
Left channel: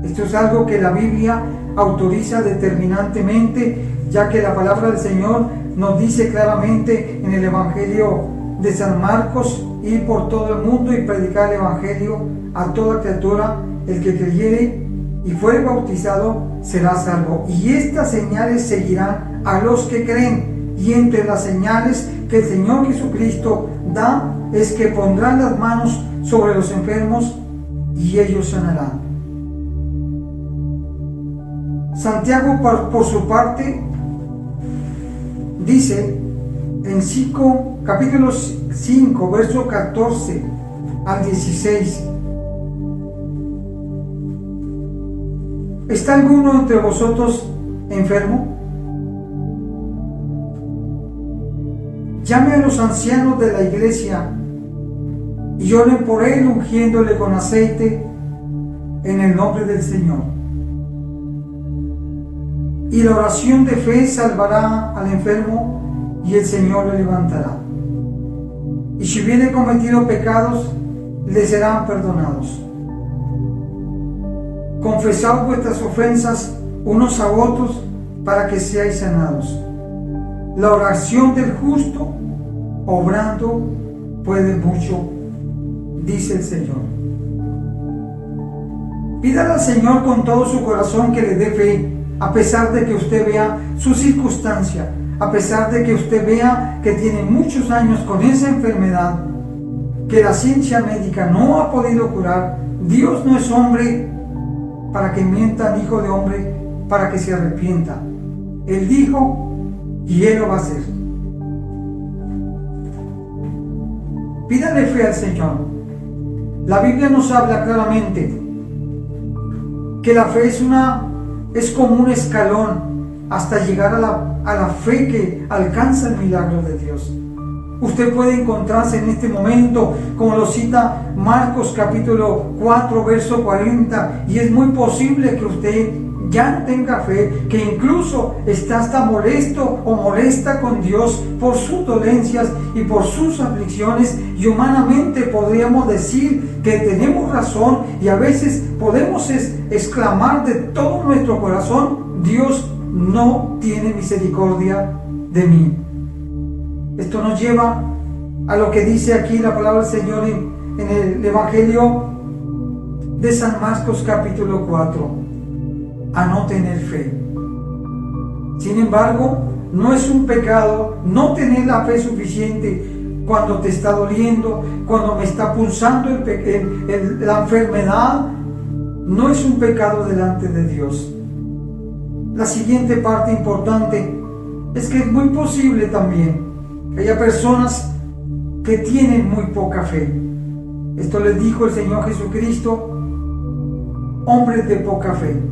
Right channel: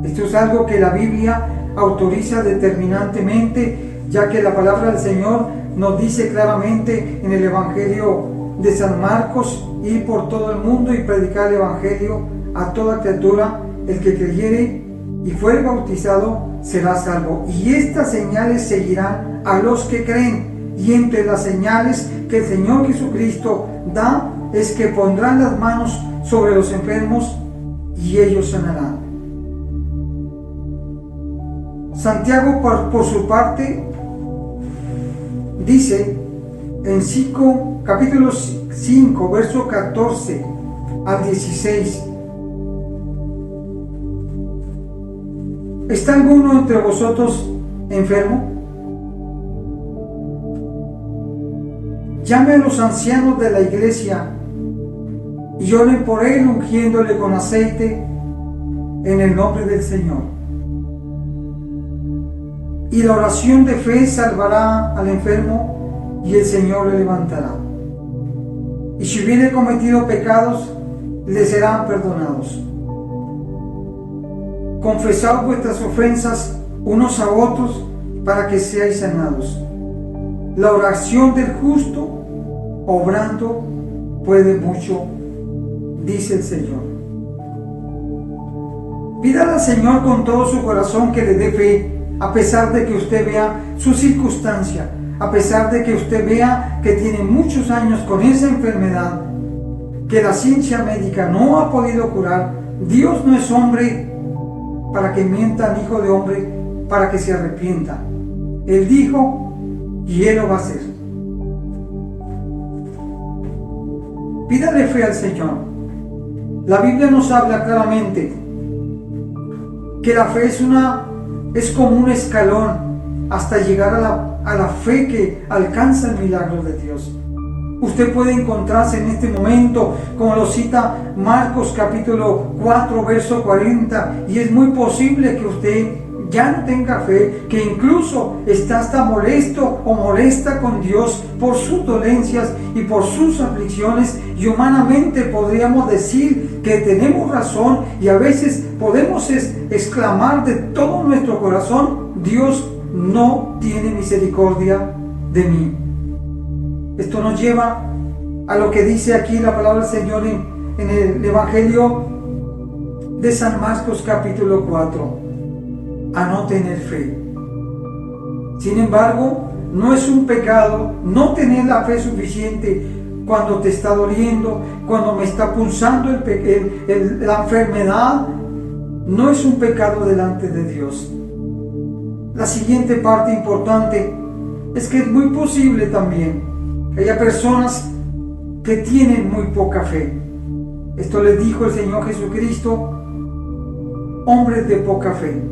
Esto es algo que la Biblia autoriza determinantemente, ya que la palabra del Señor nos dice claramente en el Evangelio de San Marcos: ir por todo el mundo y predicar el Evangelio a toda criatura. El que creyere y fuere bautizado será salvo. Y estas señales seguirán a los que creen. Y entre las señales que el Señor Jesucristo da es que pondrán las manos sobre los enfermos y ellos sanarán. Santiago, por su parte, dice en capítulo 5, verso 14 al 16: ¿está alguno entre vosotros enfermo? Llame a los ancianos de la iglesia y oren por él, ungiéndole con aceite en el nombre del Señor. Y la oración de fe salvará al enfermo y el Señor le levantará. Y si hubiere cometido pecados, le serán perdonados. Confesad vuestras ofensas unos a otros para que seáis sanados. La oración del justo, obrando, puede mucho, dice el Señor. Pídale al Señor con todo su corazón que le dé fe, a pesar de que usted vea su circunstancia, a pesar de que usted vea que tiene muchos años con esa enfermedad, que la ciencia médica no ha podido curar. Dios no es hombre para que mienta, ni hijo de hombre para que se arrepienta. Él dijo y Él lo va a hacer. Pídale fe al Señor. La Biblia nos habla claramente que la fe es como un escalón hasta llegar a la fe que alcanza el milagro de Dios. Usted puede encontrarse en este momento, como lo cita Marcos capítulo 4, verso 40, y es muy posible que usted ya no tenga fe, que incluso está hasta molesto o molesta con Dios por sus dolencias y por sus aflicciones, y humanamente podríamos decir que tenemos razón, y a veces podemos exclamar de todo nuestro corazón: Dios no tiene misericordia de mí. Esto nos lleva a lo que dice aquí la palabra del Señor en el Evangelio de San Marcos capítulo 4, a no tener fe. Sin embargo, no es un pecado no tener la fe suficiente cuando te está doliendo, cuando me está punzando la enfermedad. No es un pecado delante de Dios. La siguiente parte importante es que es muy posible también que haya personas que tienen muy poca fe. Esto les dijo el Señor Jesucristo: hombres de poca fe.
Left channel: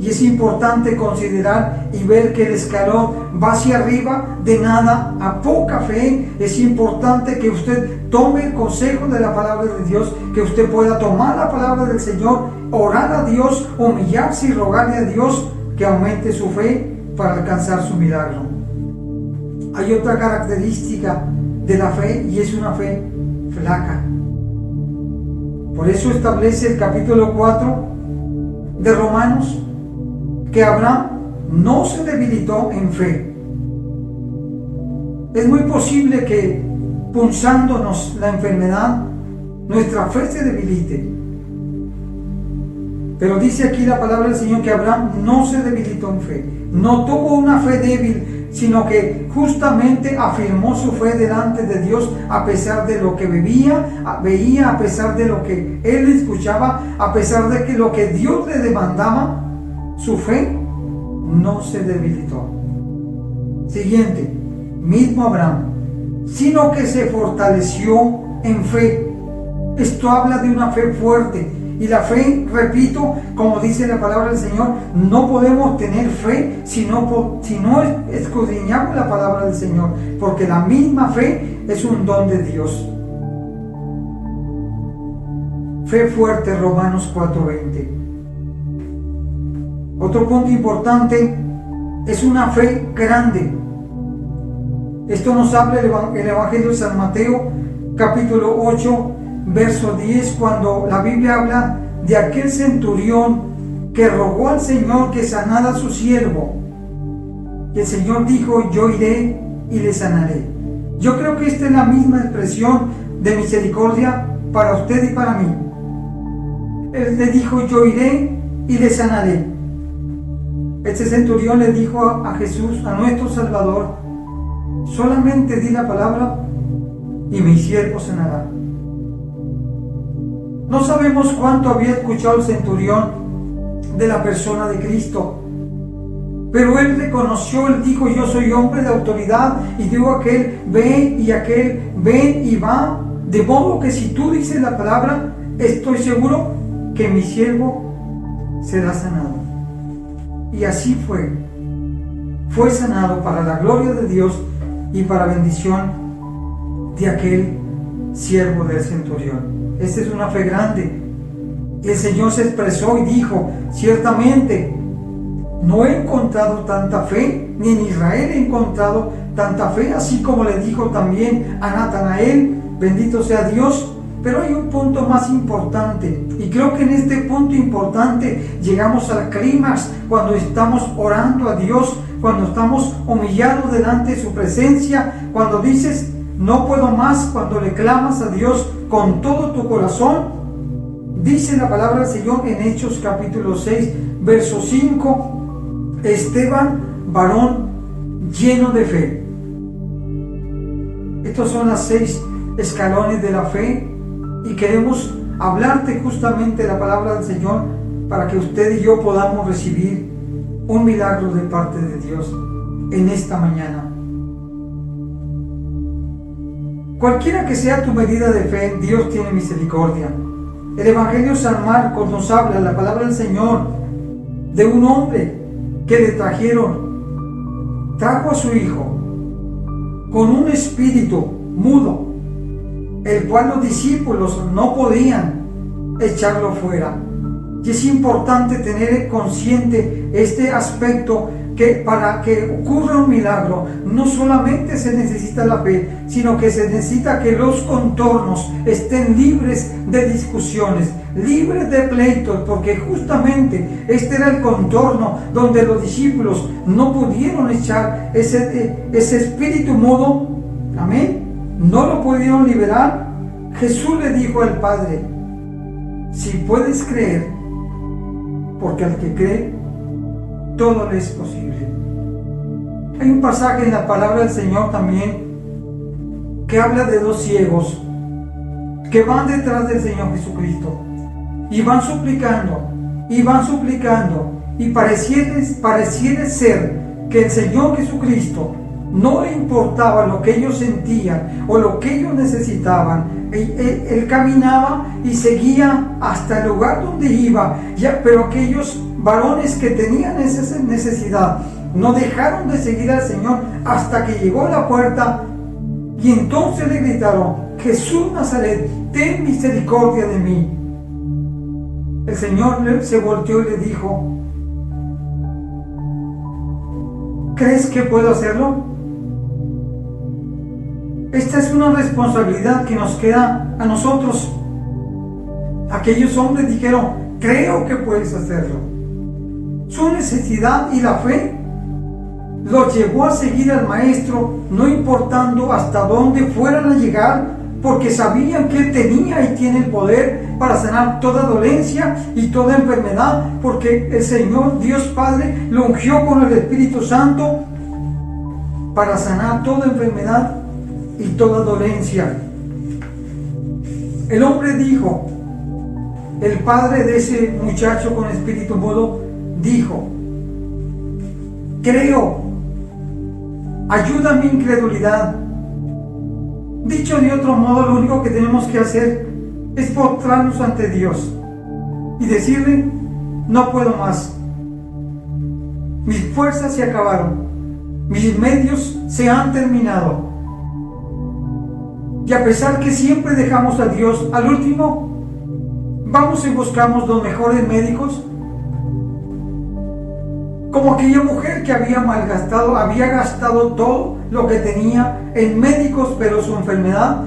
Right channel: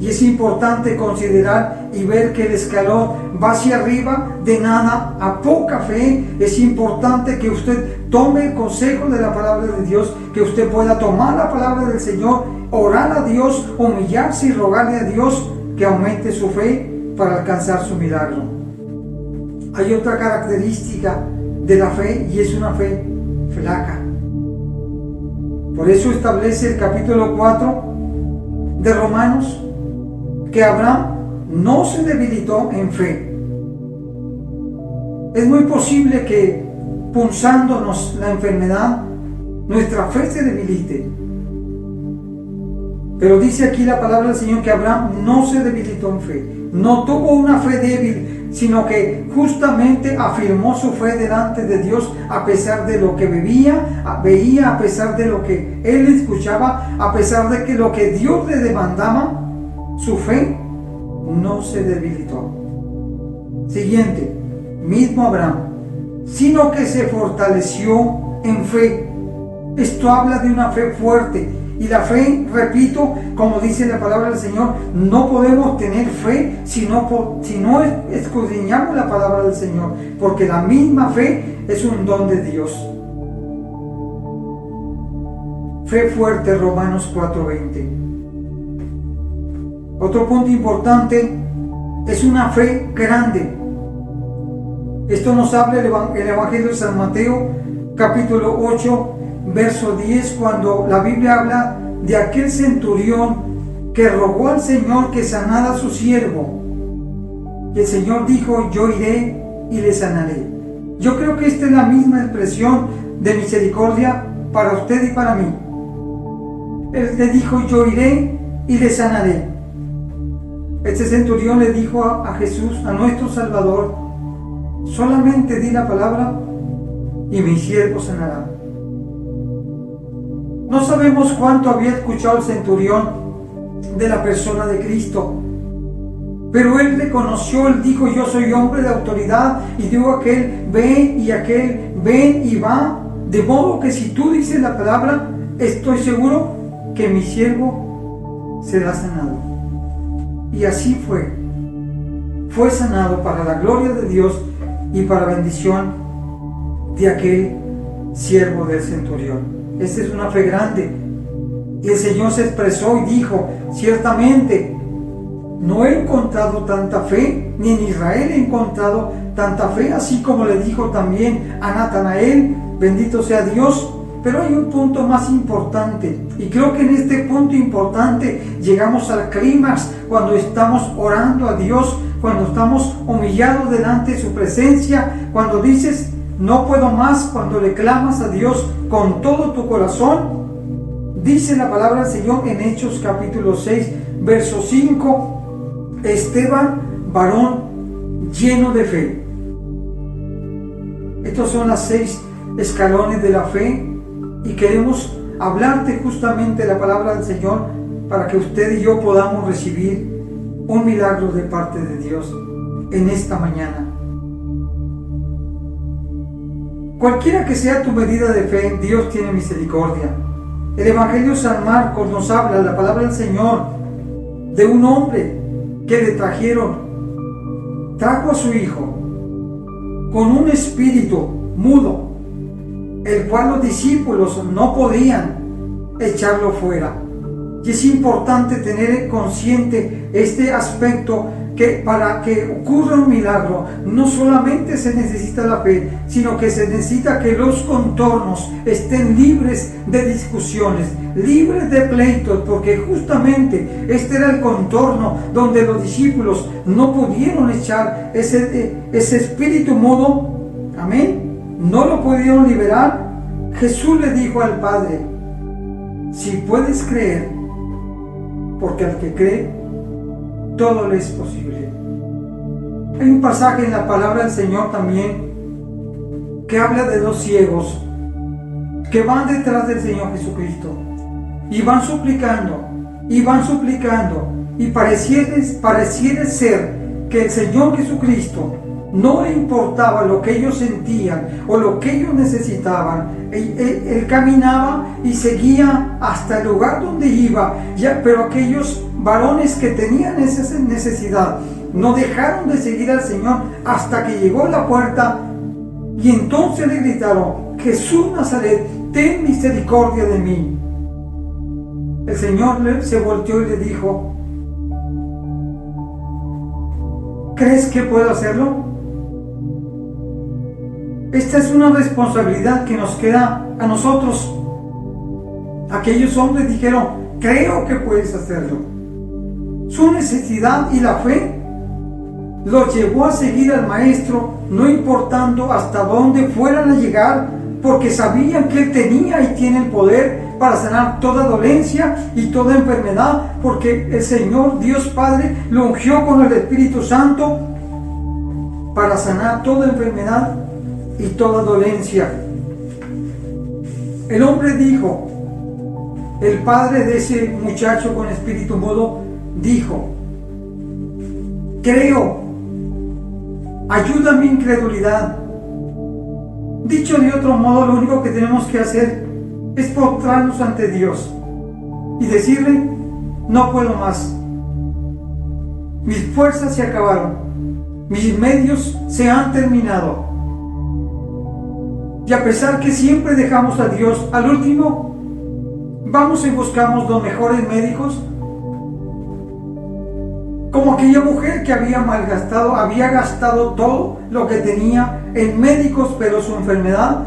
Y es importante considerar y ver que el escalón va hacia arriba, de nada a poca fe. Es importante que usted tome el consejo de la palabra de Dios, que usted pueda tomar la palabra del Señor, orar a Dios, humillarse y rogarle a Dios que aumente su fe para alcanzar su milagro. Hay otra característica de la fe, y es una fe flaca. Por eso establece el capítulo 4 de Romanos que Abraham no se debilitó en fe. Es muy posible que, punzándonos la enfermedad, nuestra fe se debilite. Pero dice aquí la palabra del Señor que Abraham no se debilitó en fe, no tuvo una fe débil, sino que justamente afirmó su fe delante de Dios a pesar de lo que veía, a pesar de lo que él escuchaba, a pesar de que lo que Dios le demandaba, su fe no se debilitó. Siguiente, mismo Abraham, sino que se fortaleció en fe. Esto habla de una fe fuerte. Y la fe, repito, como dice la palabra del Señor, no podemos tener fe si no escudriñamos la palabra del Señor, porque la misma fe es un don de Dios. Fe fuerte, Romanos 4:20. Otro punto importante es una fe grande. Esto nos habla el Evangelio de San Mateo, capítulo 8, verso 10, cuando la Biblia habla de aquel centurión que rogó al Señor que sanara a su siervo. Y el Señor dijo: yo iré y le sanaré. Yo creo que esta es la misma expresión de misericordia para usted y para mí. Él le dijo: yo iré y le sanaré. Este centurión le dijo a Jesús, a nuestro Salvador: solamente di la palabra y mi siervo sanará. No sabemos cuánto había escuchado el centurión de la persona de Cristo, pero él reconoció, él dijo: yo soy hombre de autoridad, y digo a aquel ven y aquel ven y va, de modo que si tú dices la palabra, estoy seguro que mi siervo será sanado. Y así fue sanado para la gloria de Dios y para bendición de aquel siervo del centurión. Esta es una fe grande. Y el Señor se expresó y dijo: ciertamente no he encontrado tanta fe, ni en Israel he encontrado tanta fe, así como le dijo también a Natanael, bendito sea Dios. Pero hay un punto más importante, y creo que en este punto importante llegamos al clímax cuando estamos orando a Dios, cuando estamos humillados delante de su presencia, cuando dices: no puedo más, cuando le clamas a Dios con todo tu corazón. Dice la palabra del Señor en Hechos capítulo 6, verso 5, Esteban, varón lleno de fe. Estos son los 6 escalones de la fe, y queremos hablarte justamente la palabra del Señor para que usted y yo podamos recibir un milagro de parte de Dios en esta mañana. Cualquiera que sea tu medida de fe, Dios tiene misericordia. El Evangelio de San Marcos nos habla, la palabra del Señor, de un hombre que le trajo a su hijo con un espíritu mudo, el cual los discípulos no podían echarlo fuera. Y es importante tener consciente este aspecto, que para que ocurra un milagro no solamente se necesita la fe, sino que se necesita que los contornos estén libres de discusiones, libres de pleitos, porque justamente este era el contorno donde los discípulos no pudieron echar ese espíritu mudo. Amén. No lo pudieron liberar. Jesús le dijo al Padre: si puedes creer, porque al que cree todo le es posible. Hay un pasaje en la palabra del Señor también que habla de 2 ciegos que van detrás del Señor Jesucristo y van suplicando y pareciera ser que el Señor Jesucristo no le importaba lo que ellos sentían o lo que ellos necesitaban. Él caminaba y seguía hasta el lugar donde iba, pero aquellos varones que tenían esa necesidad no dejaron de seguir al Señor hasta que llegó a la puerta, y entonces le gritaron: Jesús Nazaret, ten misericordia de mí. El Señor se volteó y le dijo: ¿crees que puedo hacerlo? Esta es una responsabilidad que nos queda a nosotros. Aquellos hombres dijeron: creo que puedes hacerlo. Su necesidad y la fe los llevó a seguir al Maestro, no importando hasta dónde fueran a llegar, porque sabían que Él tenía y tiene el poder para sanar toda dolencia y toda enfermedad, porque el Señor Dios Padre lo ungió con el Espíritu Santo para sanar toda enfermedad y toda dolencia. El hombre dijo, el padre de ese muchacho con espíritu mudo dijo: creo, ayuda a mi incredulidad. Dicho de otro modo, lo único que tenemos que hacer es postrarnos ante Dios y decirle: no puedo más, mis fuerzas se acabaron, mis medios se han terminado. Y a pesar que siempre dejamos a Dios al último, vamos y buscamos los mejores médicos, como aquella mujer que había gastado todo lo que tenía en médicos, pero su enfermedad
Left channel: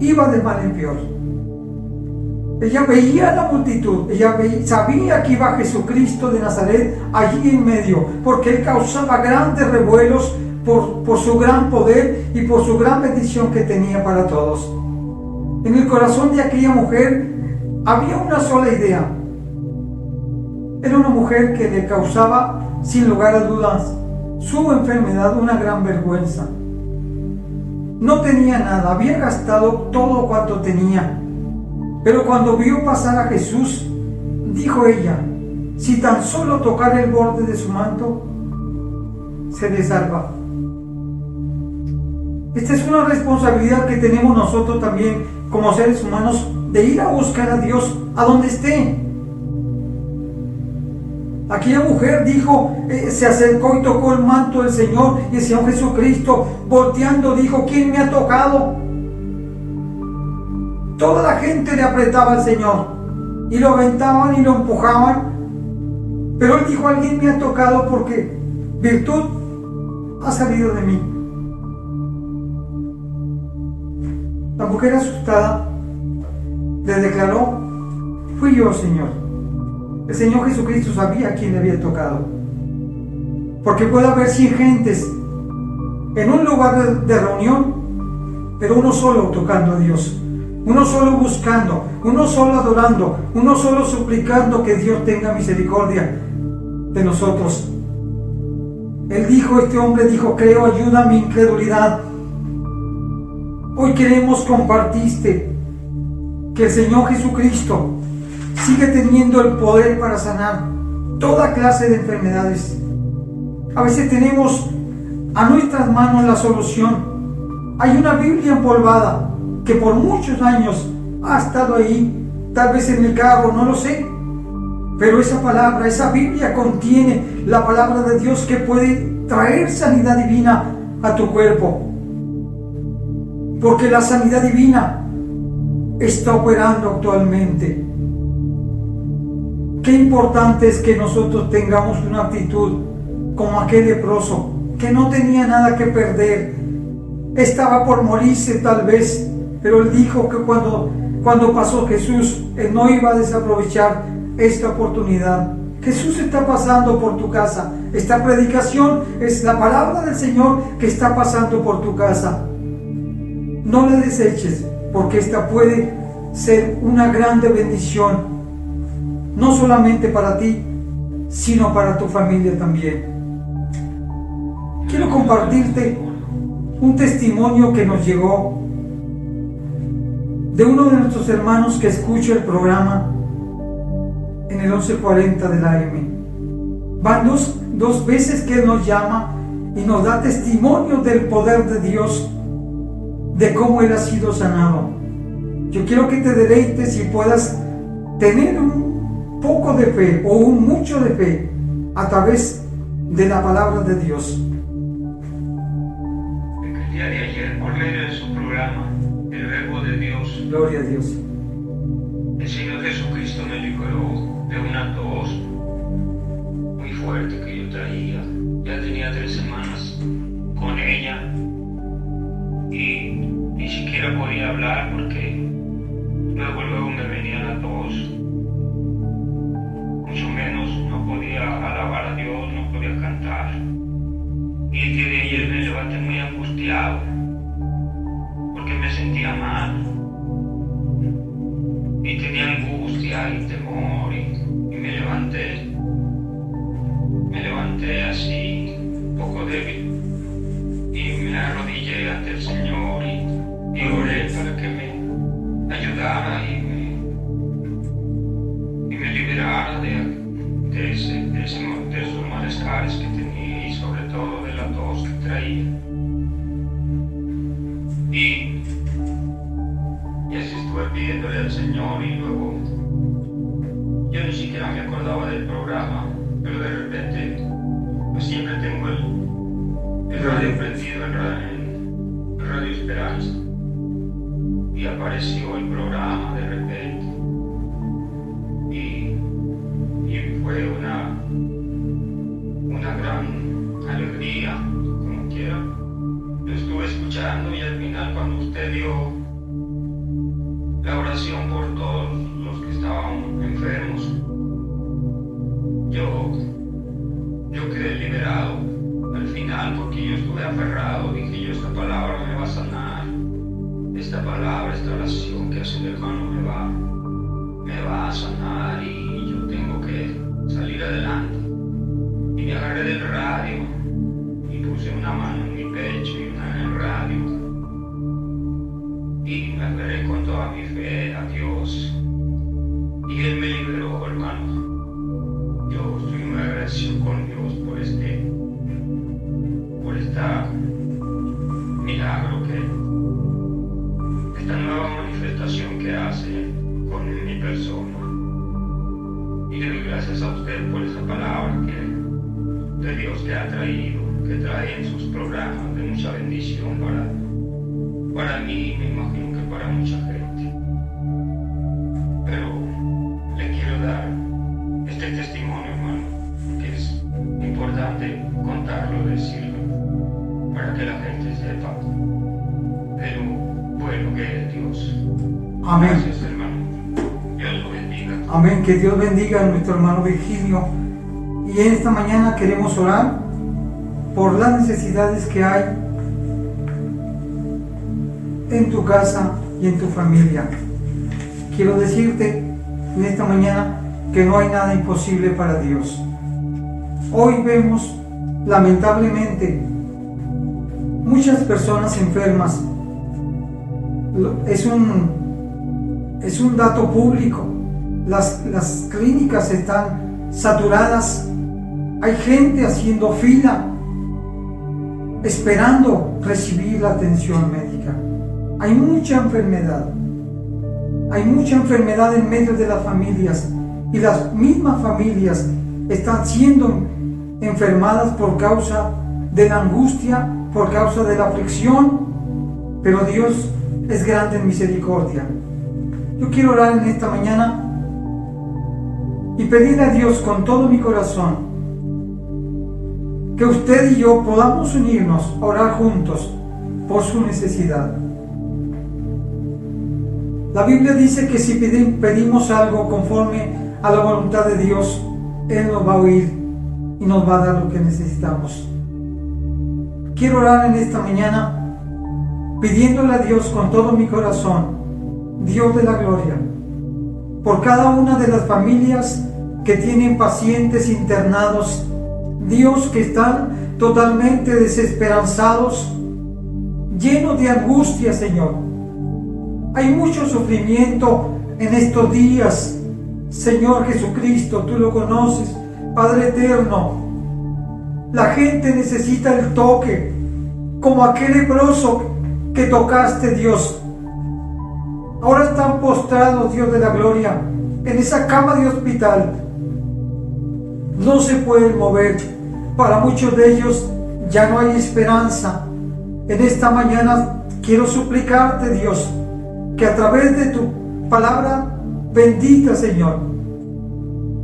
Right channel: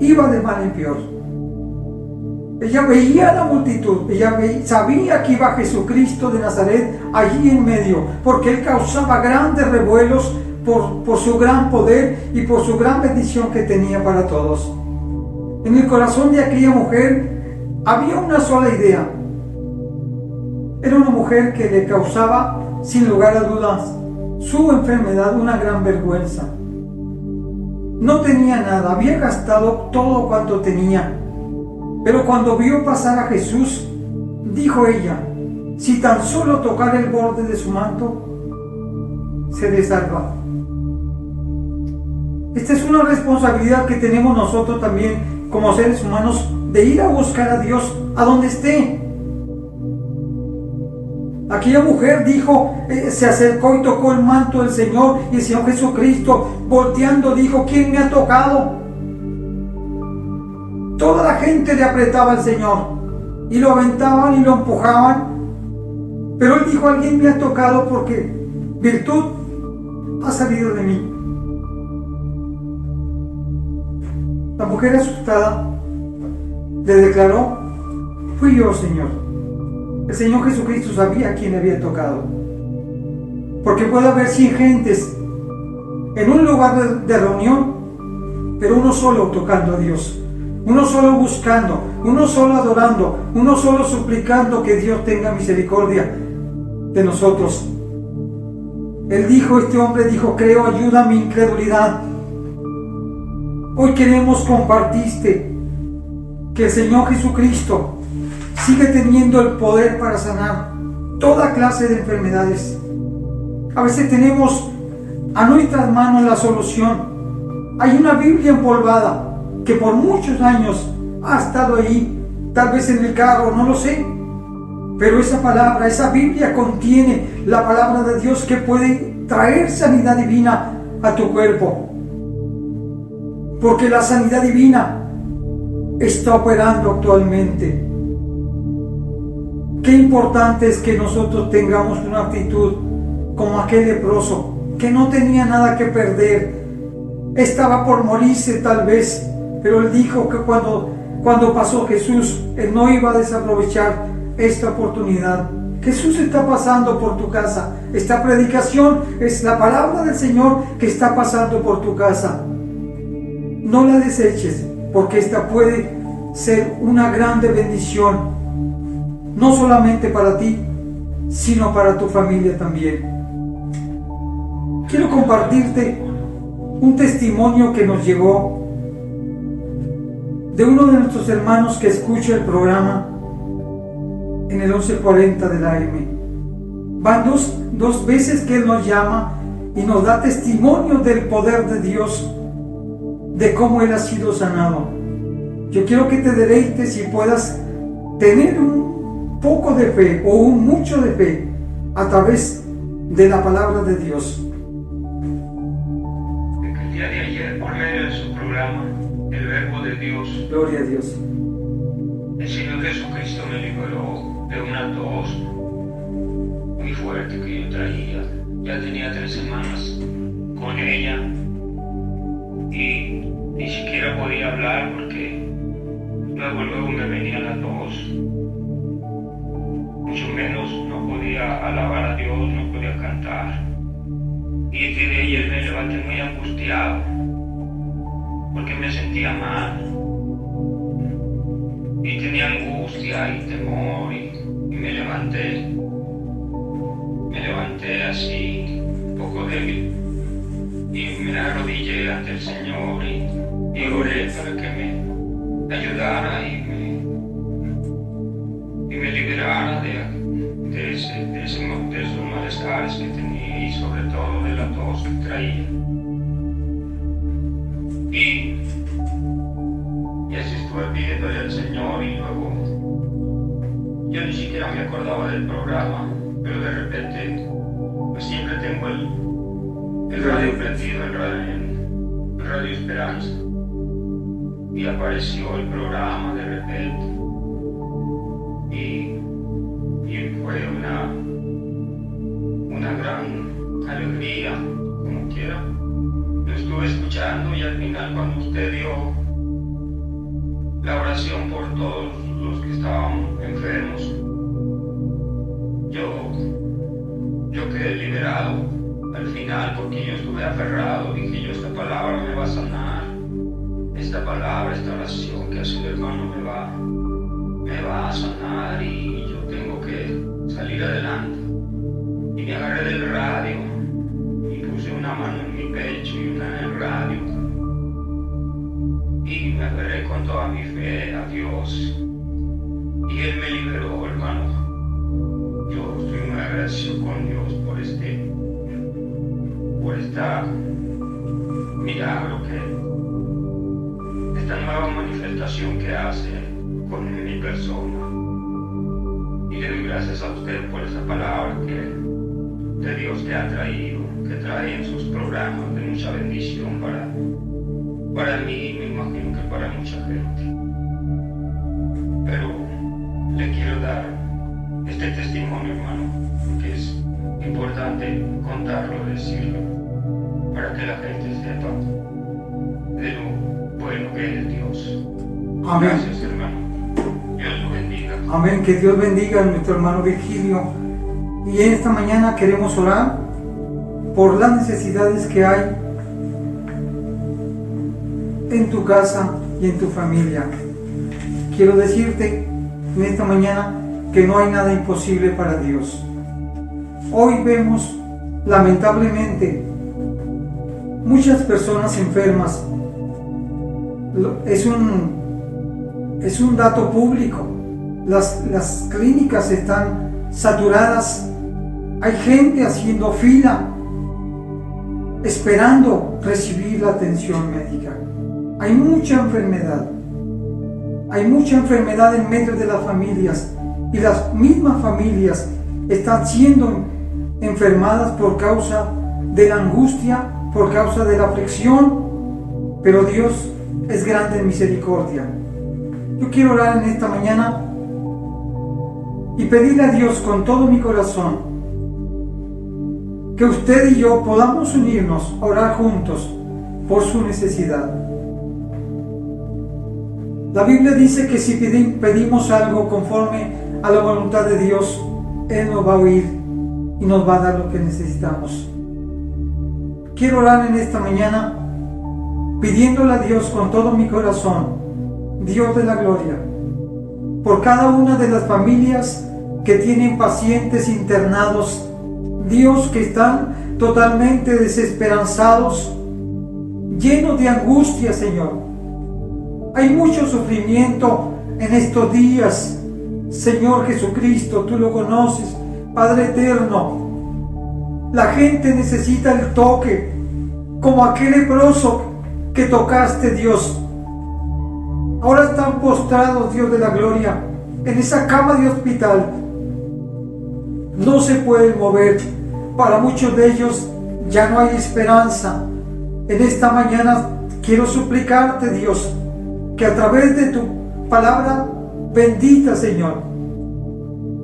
iba de mal en peor. Ella veía la multitud, sabía que iba Jesucristo de Nazaret allí en medio, porque Él causaba grandes revuelos por su gran poder y por su gran bendición que tenía para todos. En el corazón de aquella mujer había una sola idea. Era una mujer que le causaba, sin lugar a dudas, su enfermedad una gran vergüenza. No tenía nada, había gastado todo cuanto tenía. Pero cuando vio pasar a Jesús, dijo ella: si tan solo tocara el borde de su manto, seré salva. Esta es una responsabilidad que tenemos nosotros también como seres humanos, de ir a buscar a Dios a donde esté. Aquella mujer dijo, se acercó y tocó el manto del Señor, y el Señor Jesucristo, volteando, dijo: ¿quién me ha tocado? Toda la gente le apretaba al Señor y lo aventaban y lo empujaban, pero Él dijo: alguien me ha tocado, porque virtud ha salido de mí. La mujer, asustada, le declaró: fui yo, Señor. El Señor Jesucristo sabía a quién le había tocado, porque puede haber 100 gentes en un lugar de reunión, pero uno solo tocando a Dios, uno solo buscando, uno solo adorando, uno solo suplicando que Dios tenga misericordia de nosotros. Este hombre dijo: creo, ayuda a mi incredulidad. Hoy queremos compartirte que el Señor Jesucristo sigue teniendo el poder para sanar toda clase de enfermedades. A veces tenemos a nuestras manos la solución. Hay una Biblia empolvada que por muchos años ha estado ahí, tal vez en el carro, no lo sé, pero esa Biblia contiene la palabra de Dios que puede traer sanidad divina a tu cuerpo, porque la sanidad divina está operando actualmente. Qué importante es que nosotros tengamos una actitud como aquel leproso, que no tenía nada que perder, estaba por morirse tal vez, pero él dijo que cuando pasó Jesús, él no iba a desaprovechar esta oportunidad. Jesús está pasando por tu casa. Esta predicación es la palabra del Señor que está pasando por tu casa. No la deseches, porque esta puede ser una grande bendición, no solamente para ti, sino para tu familia también. Quiero compartirte un testimonio que nos llegó de uno de nuestros hermanos que escucha el programa en el 1140 del AM. Van dos veces que él nos llama y nos da testimonio del poder de Dios, de cómo él ha sido sanado. Yo quiero que te deleites y puedas tener un poco de fe o un mucho de fe a través de la palabra de Dios. El día de ayer, por medio de su programa, El Verbo de Dios, Gloria a Dios, el Señor Jesucristo me liberó de una tos muy fuerte que yo traía. Ya tenía 3 semanas con ella y ni siquiera podía hablar porque luego me venía la tos. Mucho menos no podía alabar a Dios, no podía cantar. Y el día de ayer me levanté muy angustiado porque me sentía mal y tenía angustia y temor y me levanté así, un poco débil, y me arrodillé ante el Señor y oré para que me ayudara y me liberara de esos malestares que tenía y sobre todo de la tos que traía. Y así estuve pidiéndole al Señor y luego yo ni siquiera me acordaba del programa, pero de repente pues siempre tengo el radio prendido en Radio Esperanza y apareció el programa de repente y fue una gran alegría, como quiera. Lo estuve escuchando y al final cuando usted dio la oración por todos los que estaban enfermos, yo quedé liberado al final porque yo estuve aferrado, dije yo, esta palabra me va a sanar, esta palabra, esta oración que hace el hermano me va a sanar y yo tengo que salir adelante. Y me agarré del radio y puse una mano en mi pecho y una en el radio y me agarré con toda mi fe a Dios y Él me liberó, hermano. Yo estoy muy agradecido con Dios por esta milagro, esta nueva manifestación que hace con mi persona. Y le doy gracias a usted por esa palabra de Dios que ha traído, que trae en sus programas de mucha bendición para mí, me imagino que para mucha gente. Pero le quiero dar este testimonio, hermano, que es importante contarlo, decirlo, para que la gente sepa de lo bueno que es Dios. Amén. Gracias, hermano. Dios lo bendiga. Amén. Que Dios bendiga a nuestro hermano Virgilio. Y en esta mañana queremos orar por las necesidades que hay en tu casa y en tu familia. Quiero decirte en esta mañana que no hay nada imposible para Dios. Hoy vemos lamentablemente muchas personas enfermas. Es un dato público. Las clínicas están saturadas. Hay gente haciendo fila esperando recibir la atención médica. Hay mucha enfermedad. Hay mucha enfermedad en medio de las familias y las mismas familias están siendo enfermadas por causa de la angustia, por causa de la aflicción, pero Dios es grande en misericordia. Yo quiero orar en esta mañana y pedirle a Dios con todo mi corazón que usted y yo podamos unirnos a orar juntos por su necesidad. La Biblia dice que si pedimos algo conforme a la voluntad de Dios, Él nos va a oír y nos va a dar lo que necesitamos. Quiero orar en esta mañana pidiéndole a Dios con todo mi corazón, Dios de la gloria, por cada una de las familias que tienen pacientes internados, Dios, que están totalmente desesperanzados, llenos de angustia, Señor. Hay mucho sufrimiento en estos días, Señor Jesucristo, tú lo conoces, Padre eterno. La gente necesita el toque, como aquel leproso que tocaste, Dios. Ahora están postrados, Dios de la gloria, en esa cama de hospital. No se pueden mover. Para muchos de ellos ya no hay esperanza. En esta mañana quiero suplicarte, Dios, que a través de tu palabra bendita, Señor,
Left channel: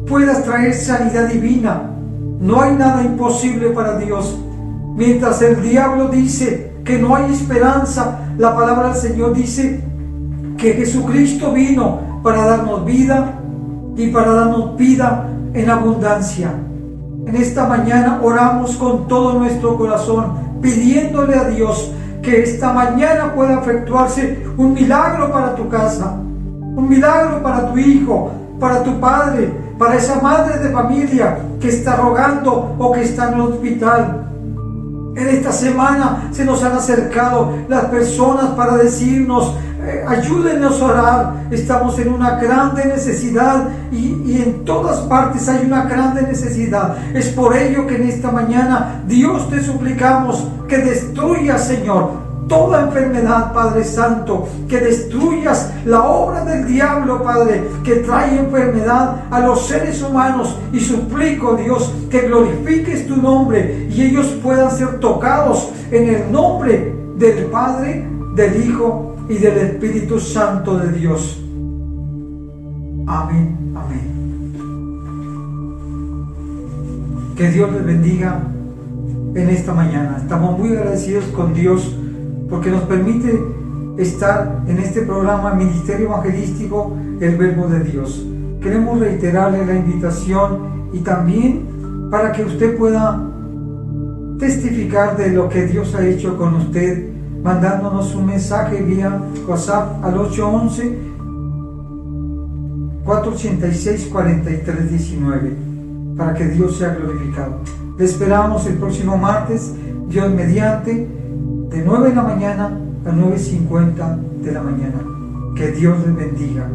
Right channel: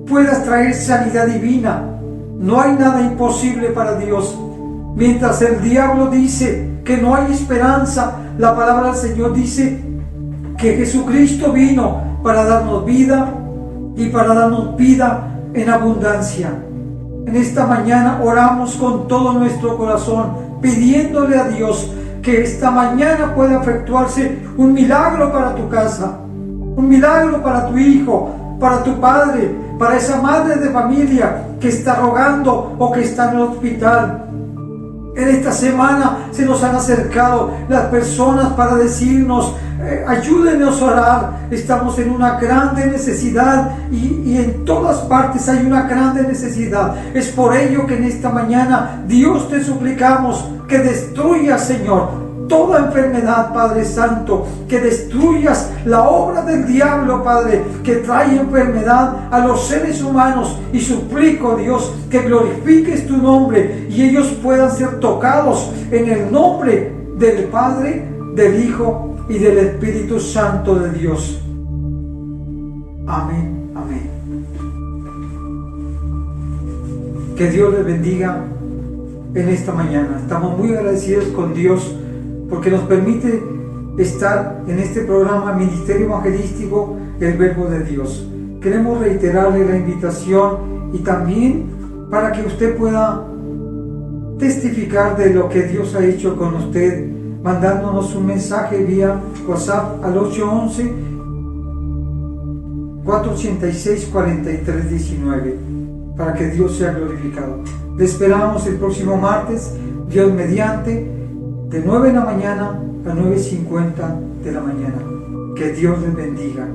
puedas traer sanidad divina. No hay nada imposible para Dios. Mientras el diablo dice que no hay esperanza, la palabra del Señor dice que Jesucristo vino para darnos vida y para darnos vida en abundancia. En esta mañana oramos con todo nuestro corazón, pidiéndole a Dios que esta mañana pueda efectuarse un milagro para tu casa, un milagro para tu hijo, para tu padre, para esa madre de familia que está rogando o que está en el hospital. En esta semana se nos han acercado las personas para decirnos, ayúdenos a orar, estamos en una grande necesidad y en todas partes hay una grande necesidad. Es por ello que en esta mañana, Dios, te suplicamos que destruyas, Señor, toda enfermedad, Padre Santo, que destruyas la obra del diablo, Padre, que trae enfermedad a los seres humanos, y suplico, Dios, que glorifiques tu nombre y ellos puedan ser tocados en el nombre del Padre, del Hijo y del Espíritu Santo de Dios. Amén, amén. Que Dios les bendiga en esta mañana. Estamos muy agradecidos con Dios porque nos permite estar en este programa Ministerio Evangelístico, el Verbo de Dios. Queremos reiterarle la invitación y también para que usted pueda testificar de lo que Dios ha hecho con usted, mandándonos un mensaje vía WhatsApp al 811-486-4319, para que Dios sea glorificado. Le esperamos el próximo martes, Dios mediante, de 9 de la mañana a 9:50 de la mañana. Que Dios les bendiga.